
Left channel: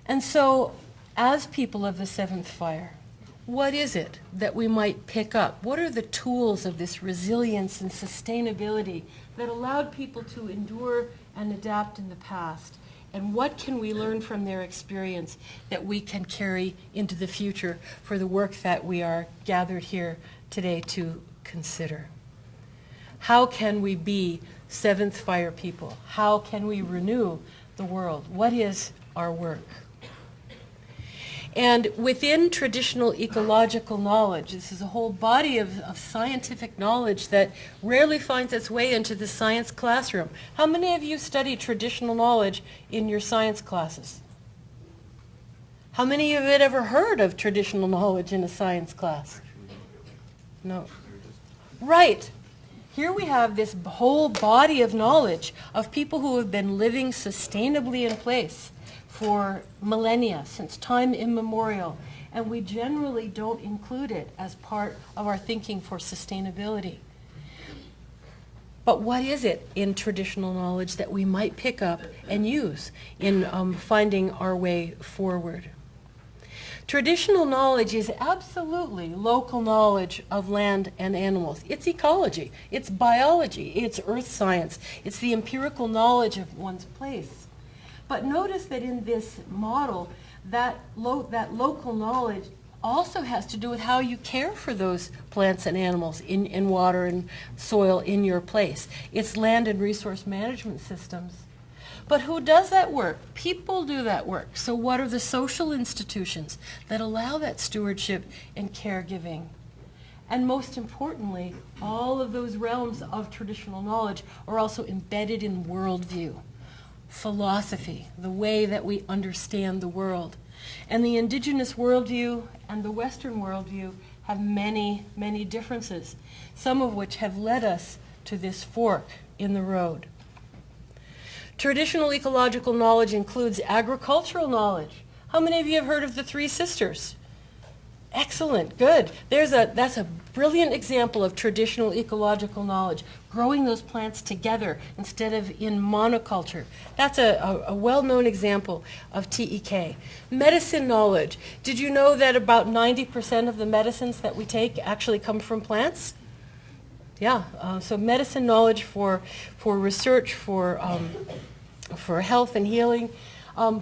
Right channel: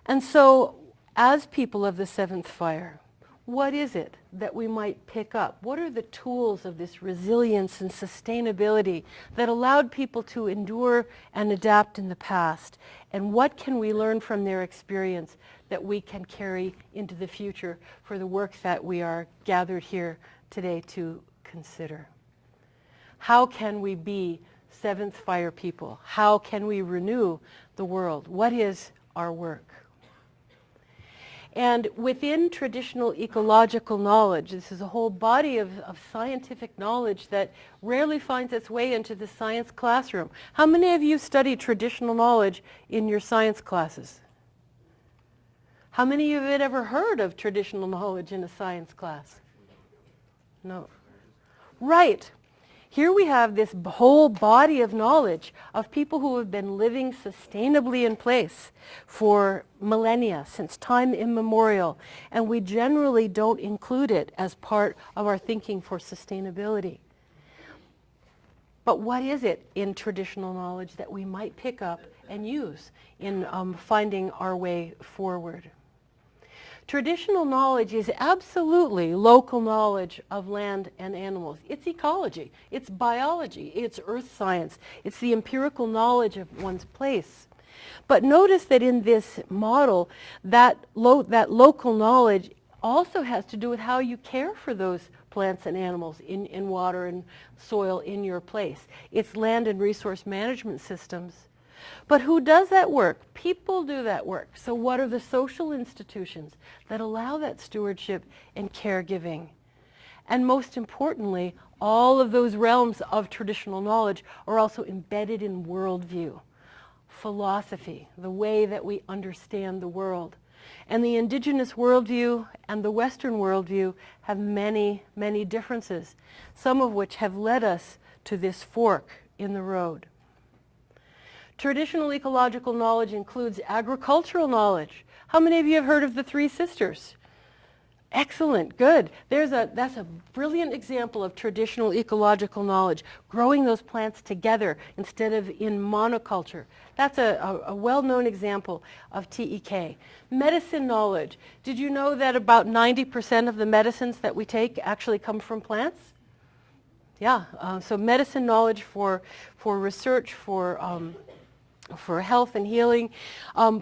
And so, as people of the seventh fire, what is it that we might pick up? What are the tools of this resilience and sustainability that allowed people to endure and adapt in the past? And what can we learn from their experience that we can carry into the future for the work that we are gathered here today to consider? How can we be seventh fire people? How can we renew the world? What is our work? And within traditional ecological knowledge, this is a whole body of scientific knowledge that rarely finds its way into the science classroom. How many of you study traditional knowledge in your science classes? How many of you have ever heard of traditional knowledge in a science class? No. Right. Here we have this whole body of knowledge of people who have been living sustainably in place for millennia, since time immemorial, and we generally don't include it as part of our thinking for sustainability. But what is it in traditional knowledge that we might pick up and use in finding our way forward? Traditional knowledge is absolutely local knowledge of land and animals. It's ecology, it's biology, it's earth science, it's the empirical knowledge of one's place. But notice that in this model, that local knowledge also has to do with how you care for those plants and animals in water and soil in your place. It's land and resource management systems. But who does that work? People do that work. So what are the social institutions that allow that stewardship and caregiving? And most importantly, all of those realms of traditional knowledge are also embedded in worldview, philosophy, the way that we understand the world. And the Indigenous worldview and the Western worldview have many, many differences, some of which have led us to this fork in the road. Traditional ecological knowledge includes agricultural knowledge. How many of you have heard of the Three Sisters? Excellent, good. That's a brilliant example of traditional ecological knowledge, growing those plants together instead of in monoculture. That's a well-known example of TEK. Medicine knowledge. Did you know that about 90% of the medicines that we take actually come from plants? Yeah, so medicine knowledge for research, for health and healing.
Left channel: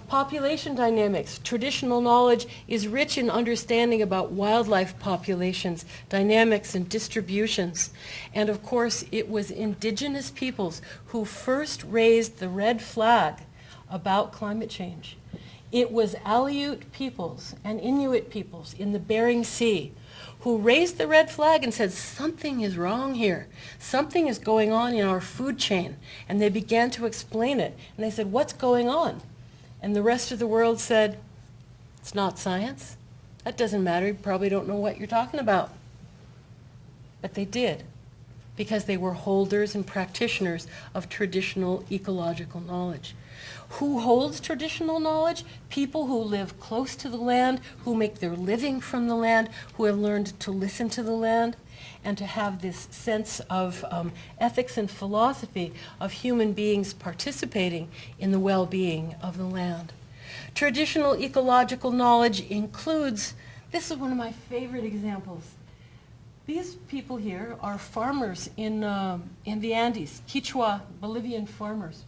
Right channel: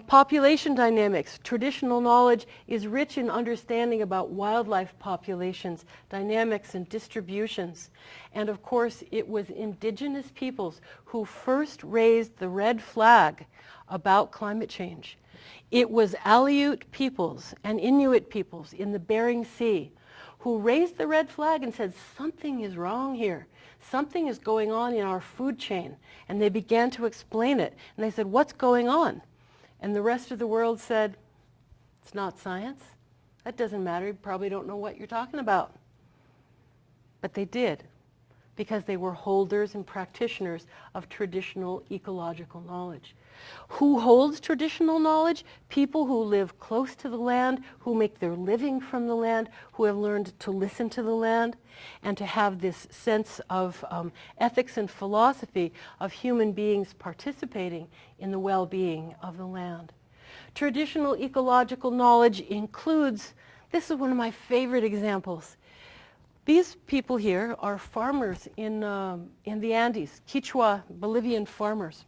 Population dynamics. Traditional knowledge is rich in understanding about wildlife populations, dynamics and distributions. And of course, it was Indigenous peoples who first raised the red flag about climate change. It was Aleut peoples and Inuit peoples in the Bering Sea who raised the red flag and said, something is wrong here. Something is going on in our food chain. And they began to explain it. And they said, what's going on? And the rest of the world said, it's not science. That doesn't matter. You probably don't know what you're talking about. But they did, because they were holders and practitioners of traditional ecological knowledge. Who holds traditional knowledge? People who live close to the land, who make their living from the land, who have learned to listen to the land, and to have this sense of ethics and philosophy of human beings participating in the well-being of the land. Traditional ecological knowledge includes, this is one of my favorite examples. These people here are farmers in the Andes, Quechua Bolivian farmers.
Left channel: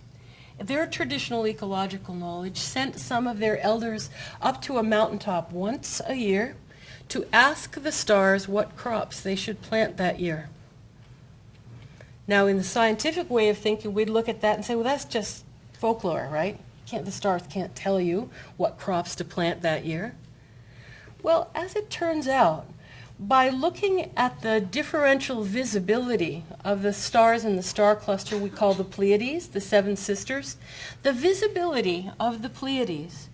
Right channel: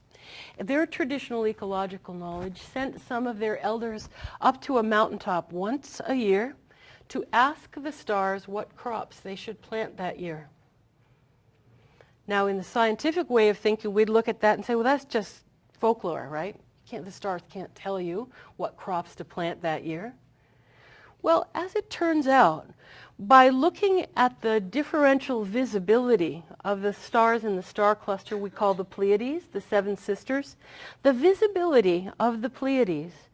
Their traditional ecological knowledge sent some of their elders up to a mountaintop once a year to ask the stars what crops they should plant that year. Now, in the scientific way of thinking, we'd look at that and say, well, that's just folklore, right? The stars can't tell you what crops to plant that year. Well, as it turns out, by looking at the differential visibility of the stars in the star cluster we call the Pleiades, the Seven Sisters, the visibility of the Pleiades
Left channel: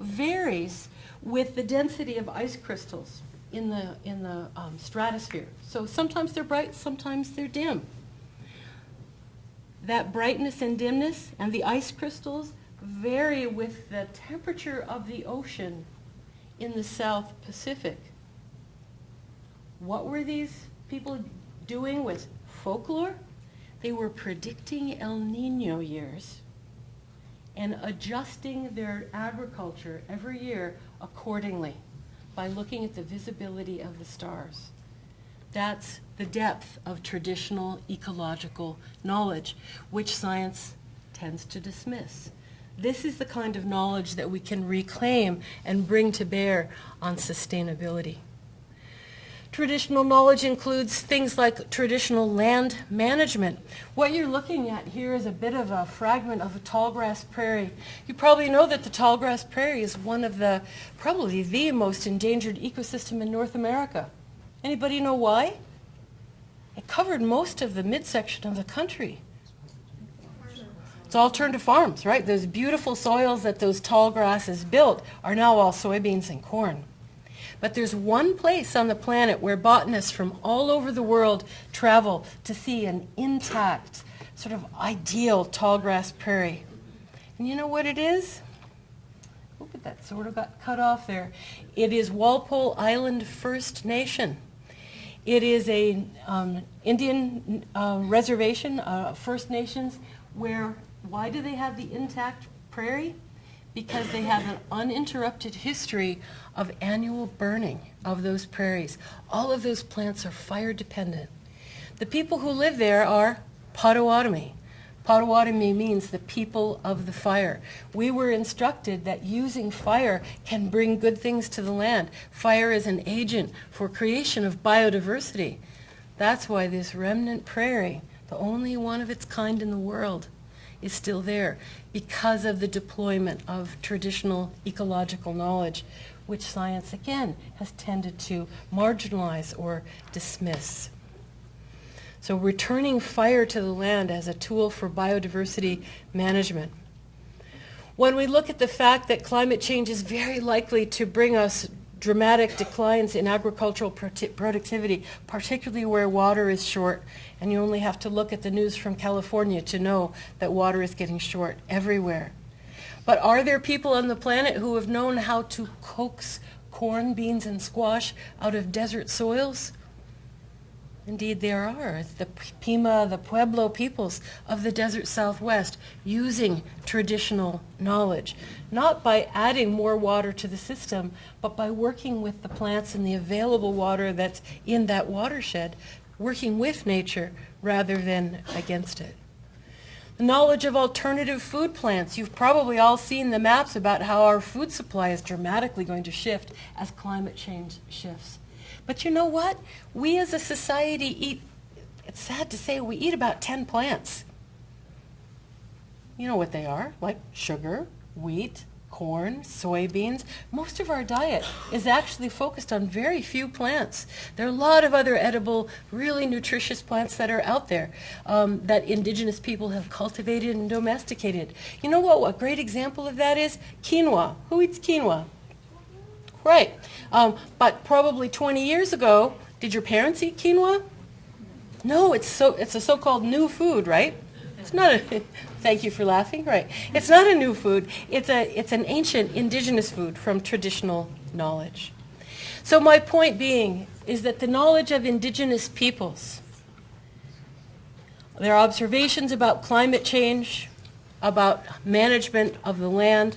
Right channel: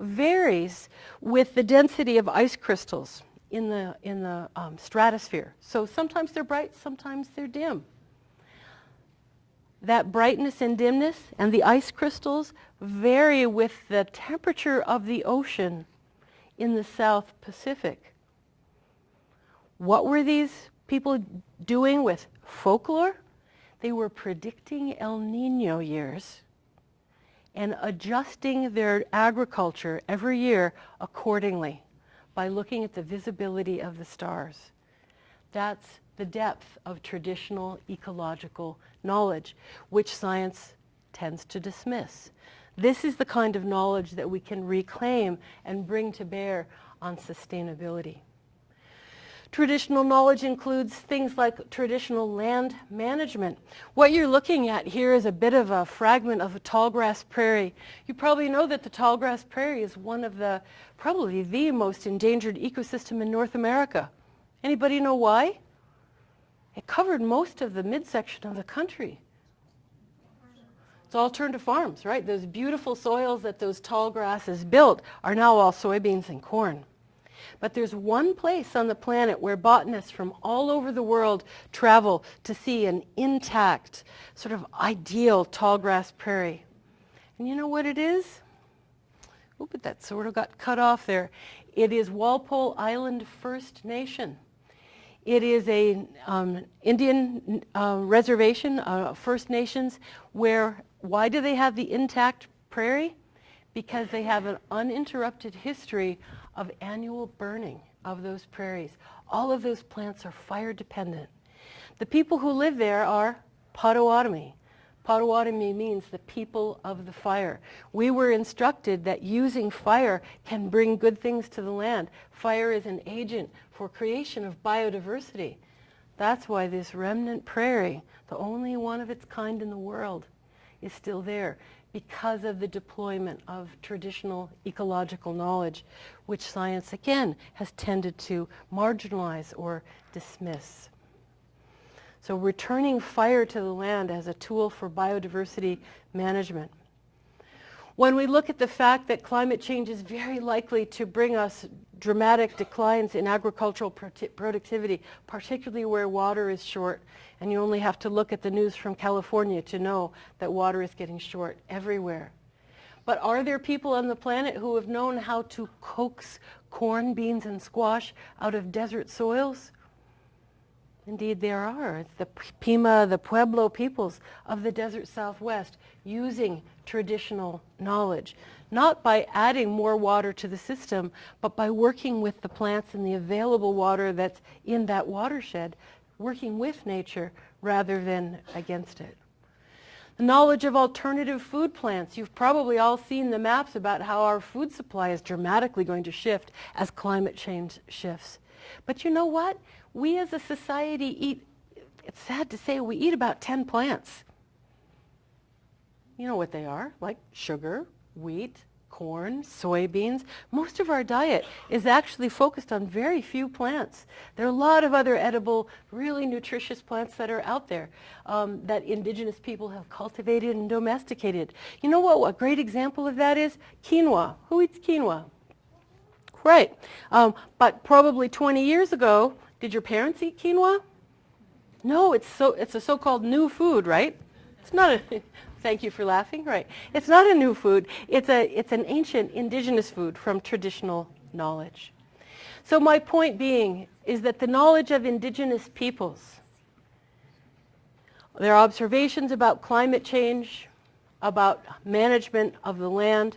varies with the density of ice crystals in the stratosphere. So sometimes they're bright, sometimes they're dim. That brightness and dimness and the ice crystals vary with the temperature of the ocean in the South Pacific. What were these people doing with folklore? They were predicting El Nino years and adjusting their agriculture every year accordingly by looking at the visibility of the stars. That's the depth of traditional ecological knowledge, which science tends to dismiss. This is the kind of knowledge that we can reclaim and bring to bear on sustainability. Traditional knowledge includes things like traditional land management. What you're looking at here is a bit of a fragment of a tallgrass prairie. You probably know that the tallgrass prairie is one of the, probably the most endangered ecosystem in North America. Anybody know why? It covered most of the midsection of the country. It's all turned to farms, right? Those beautiful soils that those tall grasses built are now all soybeans and corn. But there's one place on the planet where botanists from all over the world travel to see an intact, sort of ideal tallgrass prairie. And you know what it is? Look at that, sort of got cut off there. It is Walpole Island First Nation. It is a Indian reservation, First Nations, where, why do they have the intact prairie? Because they have an uninterrupted history of annual burning of those prairies. All of those plants are fire dependent. The people who live there are Potawatomi. Potawatomi means the people of the fire. We were instructed that using fire can bring good things to the land. Fire is an agent for creation of biodiversity. That's why this remnant prairie, the only one of its kind in the world, is still there, because of the deployment of traditional ecological knowledge, which science, again, has tended to marginalize or dismiss. So returning fire to the land as a tool for biodiversity management. When we look at the fact that climate change is very likely to bring us dramatic declines in agricultural productivity, particularly where water is short, and you only have to look at the news from California to know that water is getting short everywhere. But are there people on the planet who have known how to coax corn, beans, and squash out of desert soils? Indeed, there are. The Pima, the Pueblo peoples of the desert Southwest using traditional knowledge, not by adding more water to the system, but by working with the plants and the available water that's in that watershed, working with nature rather than against it. The knowledge of alternative food plants. You've probably all seen the maps about how our food supply is dramatically going to shift as climate change shifts. But you know what? We as a society eat, it's sad to say, we eat about 10 plants. You know what they are, like sugar, wheat, corn, soybeans. Most of our diet is actually focused on very few plants. There are a lot of other edible, really nutritious plants that are out there that indigenous people have cultivated and domesticated. You know what a great example of that is? Quinoa. Who eats quinoa? Right. But probably 20 years ago, did your parents eat quinoa? No, it's a so-called new food, right? It's not a, thank you for laughing, right. It's not a new food. It's an ancient indigenous food from traditional knowledge. So my point being is that the knowledge of indigenous peoples, their observations about climate change, about management of the land,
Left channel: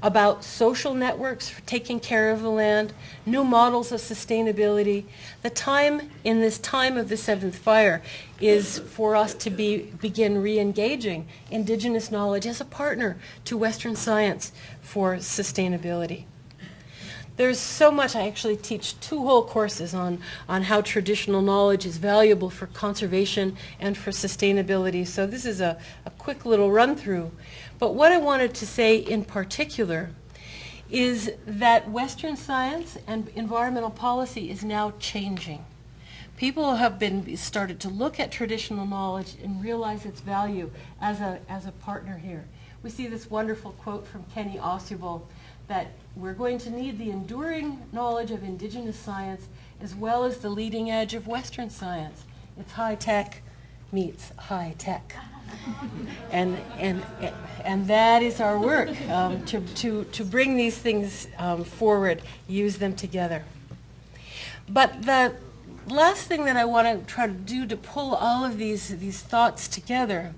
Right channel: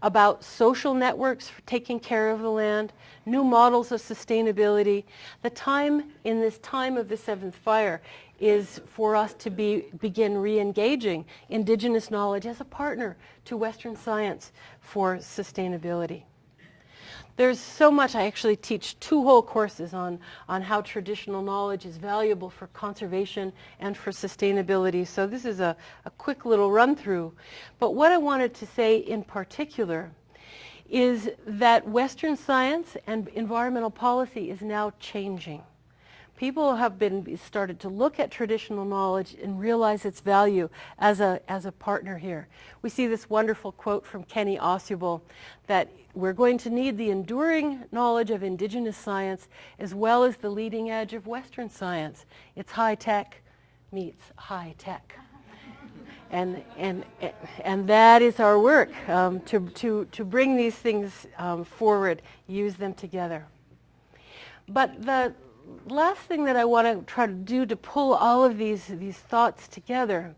about social networks for taking care of the land, new models of sustainability. The time in this time of the seventh fire is for us to begin re-engaging indigenous knowledge as a partner to Western science for sustainability. There's so much. I actually teach 2 whole courses on how traditional knowledge is valuable for conservation and for sustainability. So this is a quick little run through. But what I wanted to say in particular is that Western science and environmental policy is now changing. People have started to look at traditional knowledge and realize its value as a partner here. We see this wonderful quote from Kenny Ausubel that we're going to need the enduring knowledge of indigenous science as well as the leading edge of Western science. It's high tech meets high tech. And that is our work, to bring these things forward, use them together. But the last thing that I want to try to do to pull all of these thoughts together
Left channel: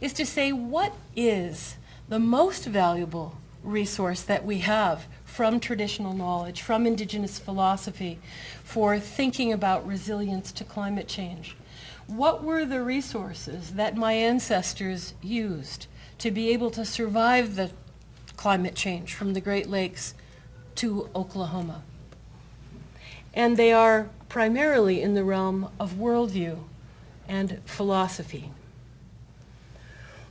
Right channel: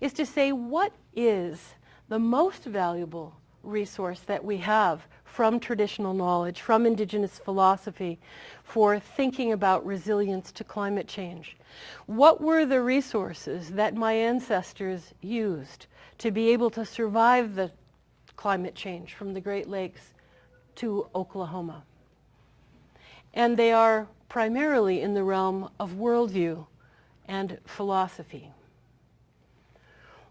is to say, what is the most valuable resource that we have from traditional knowledge, from indigenous philosophy, for thinking about resilience to climate change? What were the resources that my ancestors used to be able to survive the climate change from the Great Lakes to Oklahoma? And they are primarily in the realm of worldview and philosophy.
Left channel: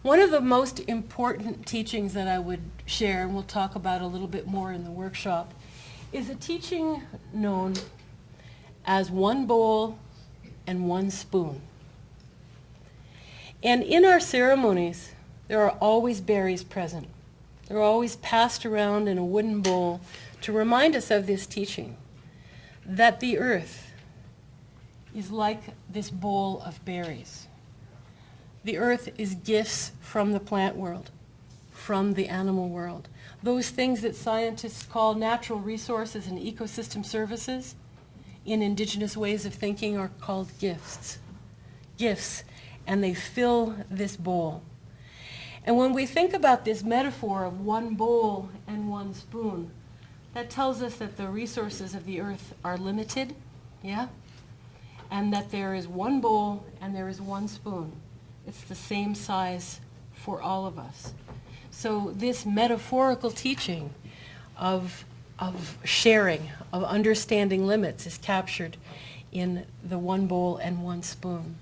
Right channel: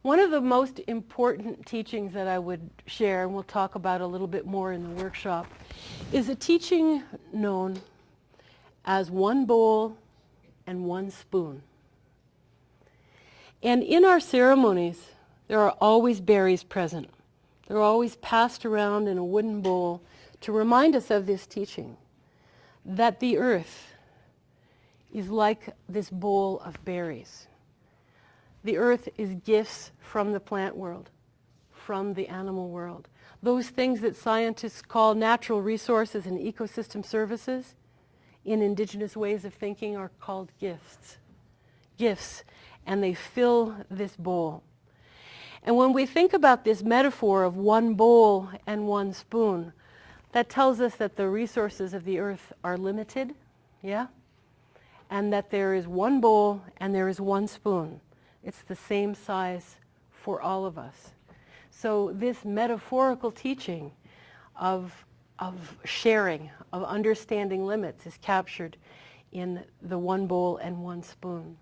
One of the most important teachings that I would share, and we'll talk about a little bit more in the workshop, is a teaching known as one bowl and one spoon. And in our ceremonies, there are always berries present. They're always passed around in a wooden bowl to remind us of this teaching, that the earth is like this bowl of berries. The earth is gifts from the plant world, from the animal world. Those things that scientists call natural resources and ecosystem services in indigenous ways of thinking are called gifts. Gifts, and they fill this bowl. And when we think about this metaphor of one bowl and one spoon, that tells us that the resources of the earth are limited, yeah? And that there is one bowl and there is one spoon. It's the same size for all of us. So this metaphorical teaching of sharing, of understanding limits is captured in the one bowl and one spoon.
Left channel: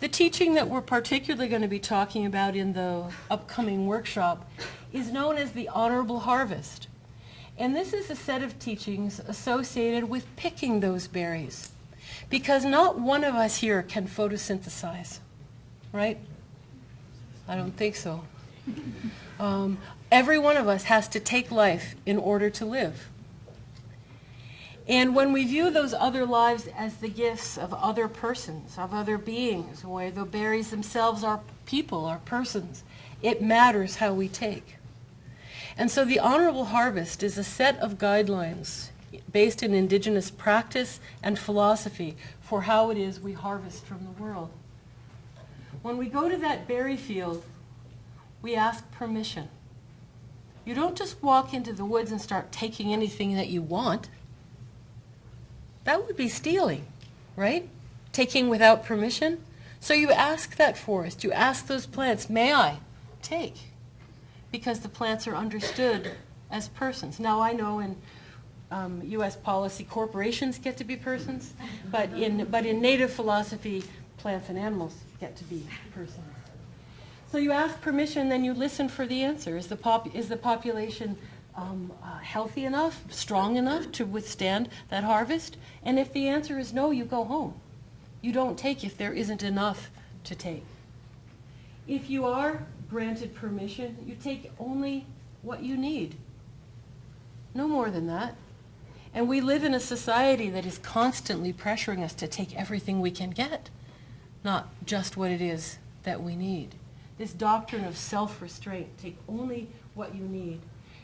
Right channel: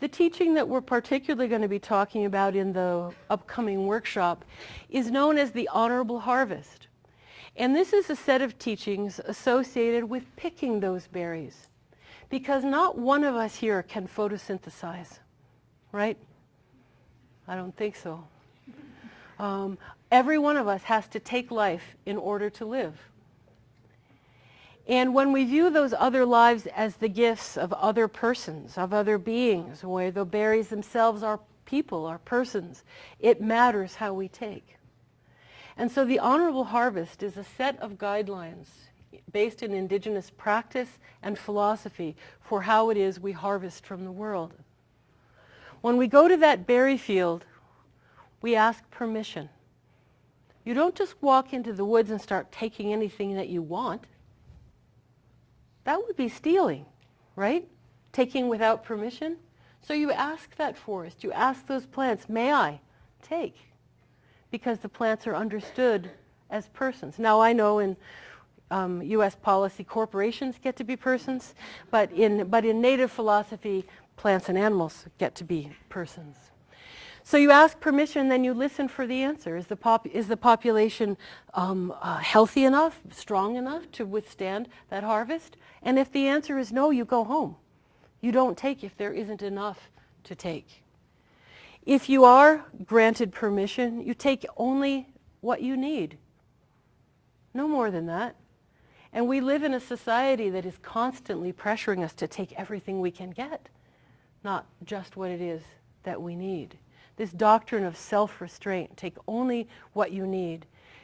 The teaching that we're particularly going to be talking about in the upcoming workshop is known as the honorable harvest. And this is a set of teachings associated with picking those berries, because not one of us here can photosynthesize, right? I don't think so. Every one of us has to take life in order to live. And when we view those other lives as the gifts of other persons, of other beings, where the berries themselves are people, are persons, it matters how we take. And so the honorable harvest is a set of guidelines based in indigenous practice and philosophy for how it is we harvest from the world. When we go to that berry field, we ask permission. You don't just walk into the woods and start taking anything that you want. That would be stealing, right? Taking without permission. So you ask that forest, you ask those plants, may I take? Because the plants are understood as persons. Now I know in U.S. policy, corporations get to be persons, but in native philosophy, plants and animals get to be persons. So you ask permission, then you listen for the answer. Is the population healthy enough, strong enough to withstand that harvest? And if the answer is no, you go home. You don't take if there isn't enough to take. If you are granted permission, you take only what you need. No more than that. And we live in a society that is constantly pressuring us to take everything we can get, not just what it is that we need. This doctrine of self-restraint, take only what you need.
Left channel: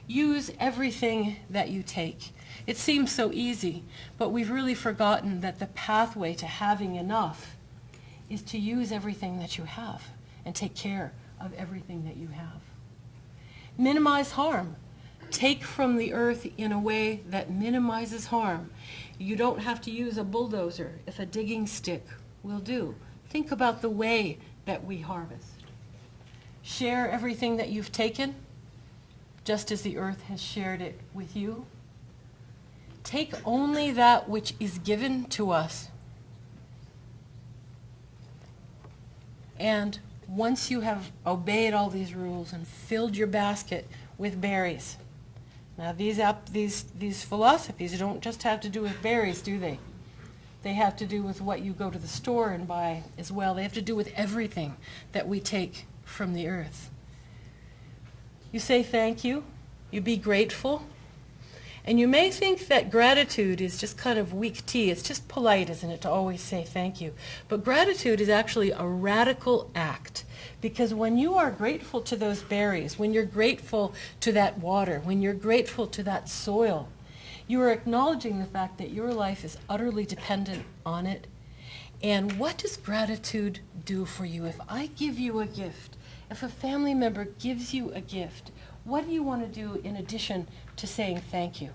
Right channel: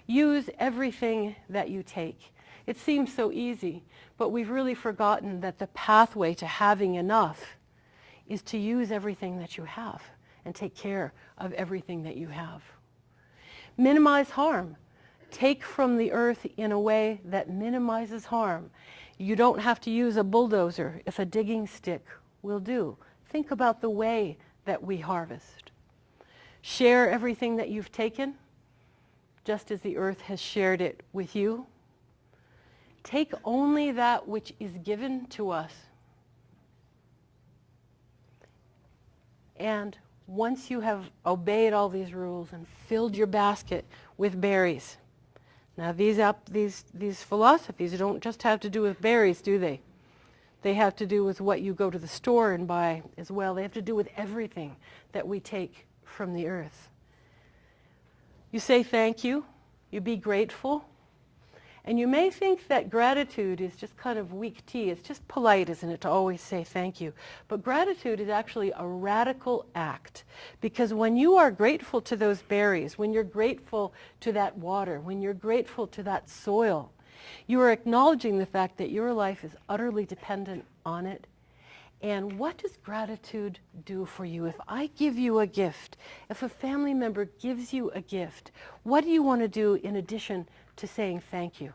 Use everything that you take. It seems so easy, but we've really forgotten that the pathway to having enough is to use everything that you have and take care of everything that you have. Minimize harm. Take from the earth in a way that minimizes harm. You don't have to use a bulldozer if a digging stick will do. Think about the way that we harvest. Share everything that you've taken, just as the earth has shared it with you. Take only that which is given to us. And once you have obeyed all these rules and filled your basket with berries, now these philosophies don't just have to do with berries, do they? They have to do with what you go to the store and buy as well. They have to do with everything that we take from the earth. You say thank you, you be grateful, and you may think that gratitude is just kind of weak tea. It's just polite, isn't it, to always say thank you. But gratitude is actually a radical act, because when you are grateful to those berries, when you're grateful to that water, when you're grateful to that soil, you are acknowledging the fact that your life is utterly dependent on it. And what does gratitude do for you? If I give you a gift, if a family member gives you a gift, what do you want to do in addition to saying thank you?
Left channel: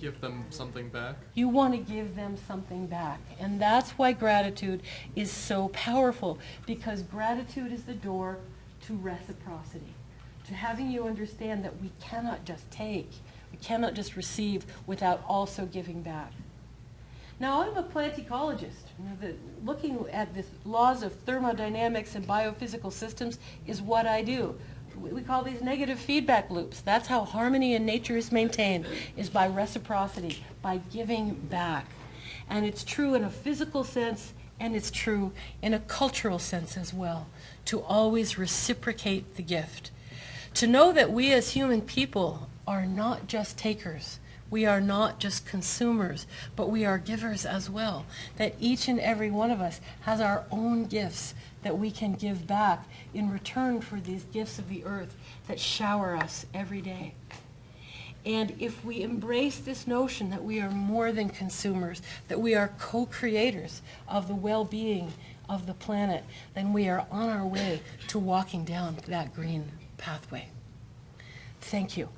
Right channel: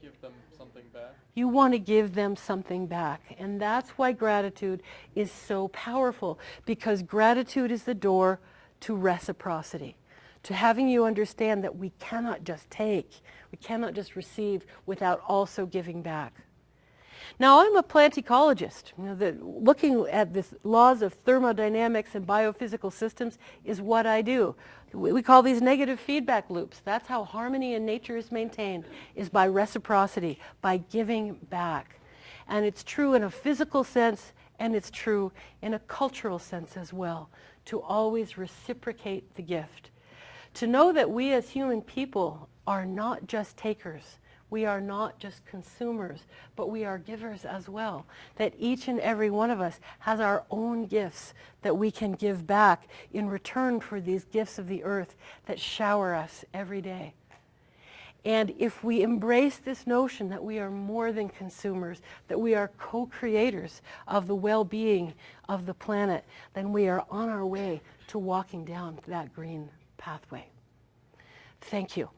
Give them something back. You want to give them something back. And that's why gratitude is so powerful, because gratitude is the door to reciprocity, to having you understand that we cannot just take, we cannot just receive without also giving back. Now, I'm a plant ecologist. Looking at the laws of thermodynamics and biophysical systems is what I do. We call these negative feedback loops. That's how harmony in nature is maintained, is by reciprocity, by giving back. And it's true in a physical sense, and it's true in a cultural sense as well, to always reciprocate the gift. To know that we as human people are not just takers. We are not just consumers, but we are givers as well. That each and every one of us has our own gifts that we can give back in return for these gifts of the earth that shower us every day. And if we embrace this notion that we are more than consumers, that we are co-creators of the well-being of the planet, then we are on our way to walking down that green pathway. Thank you.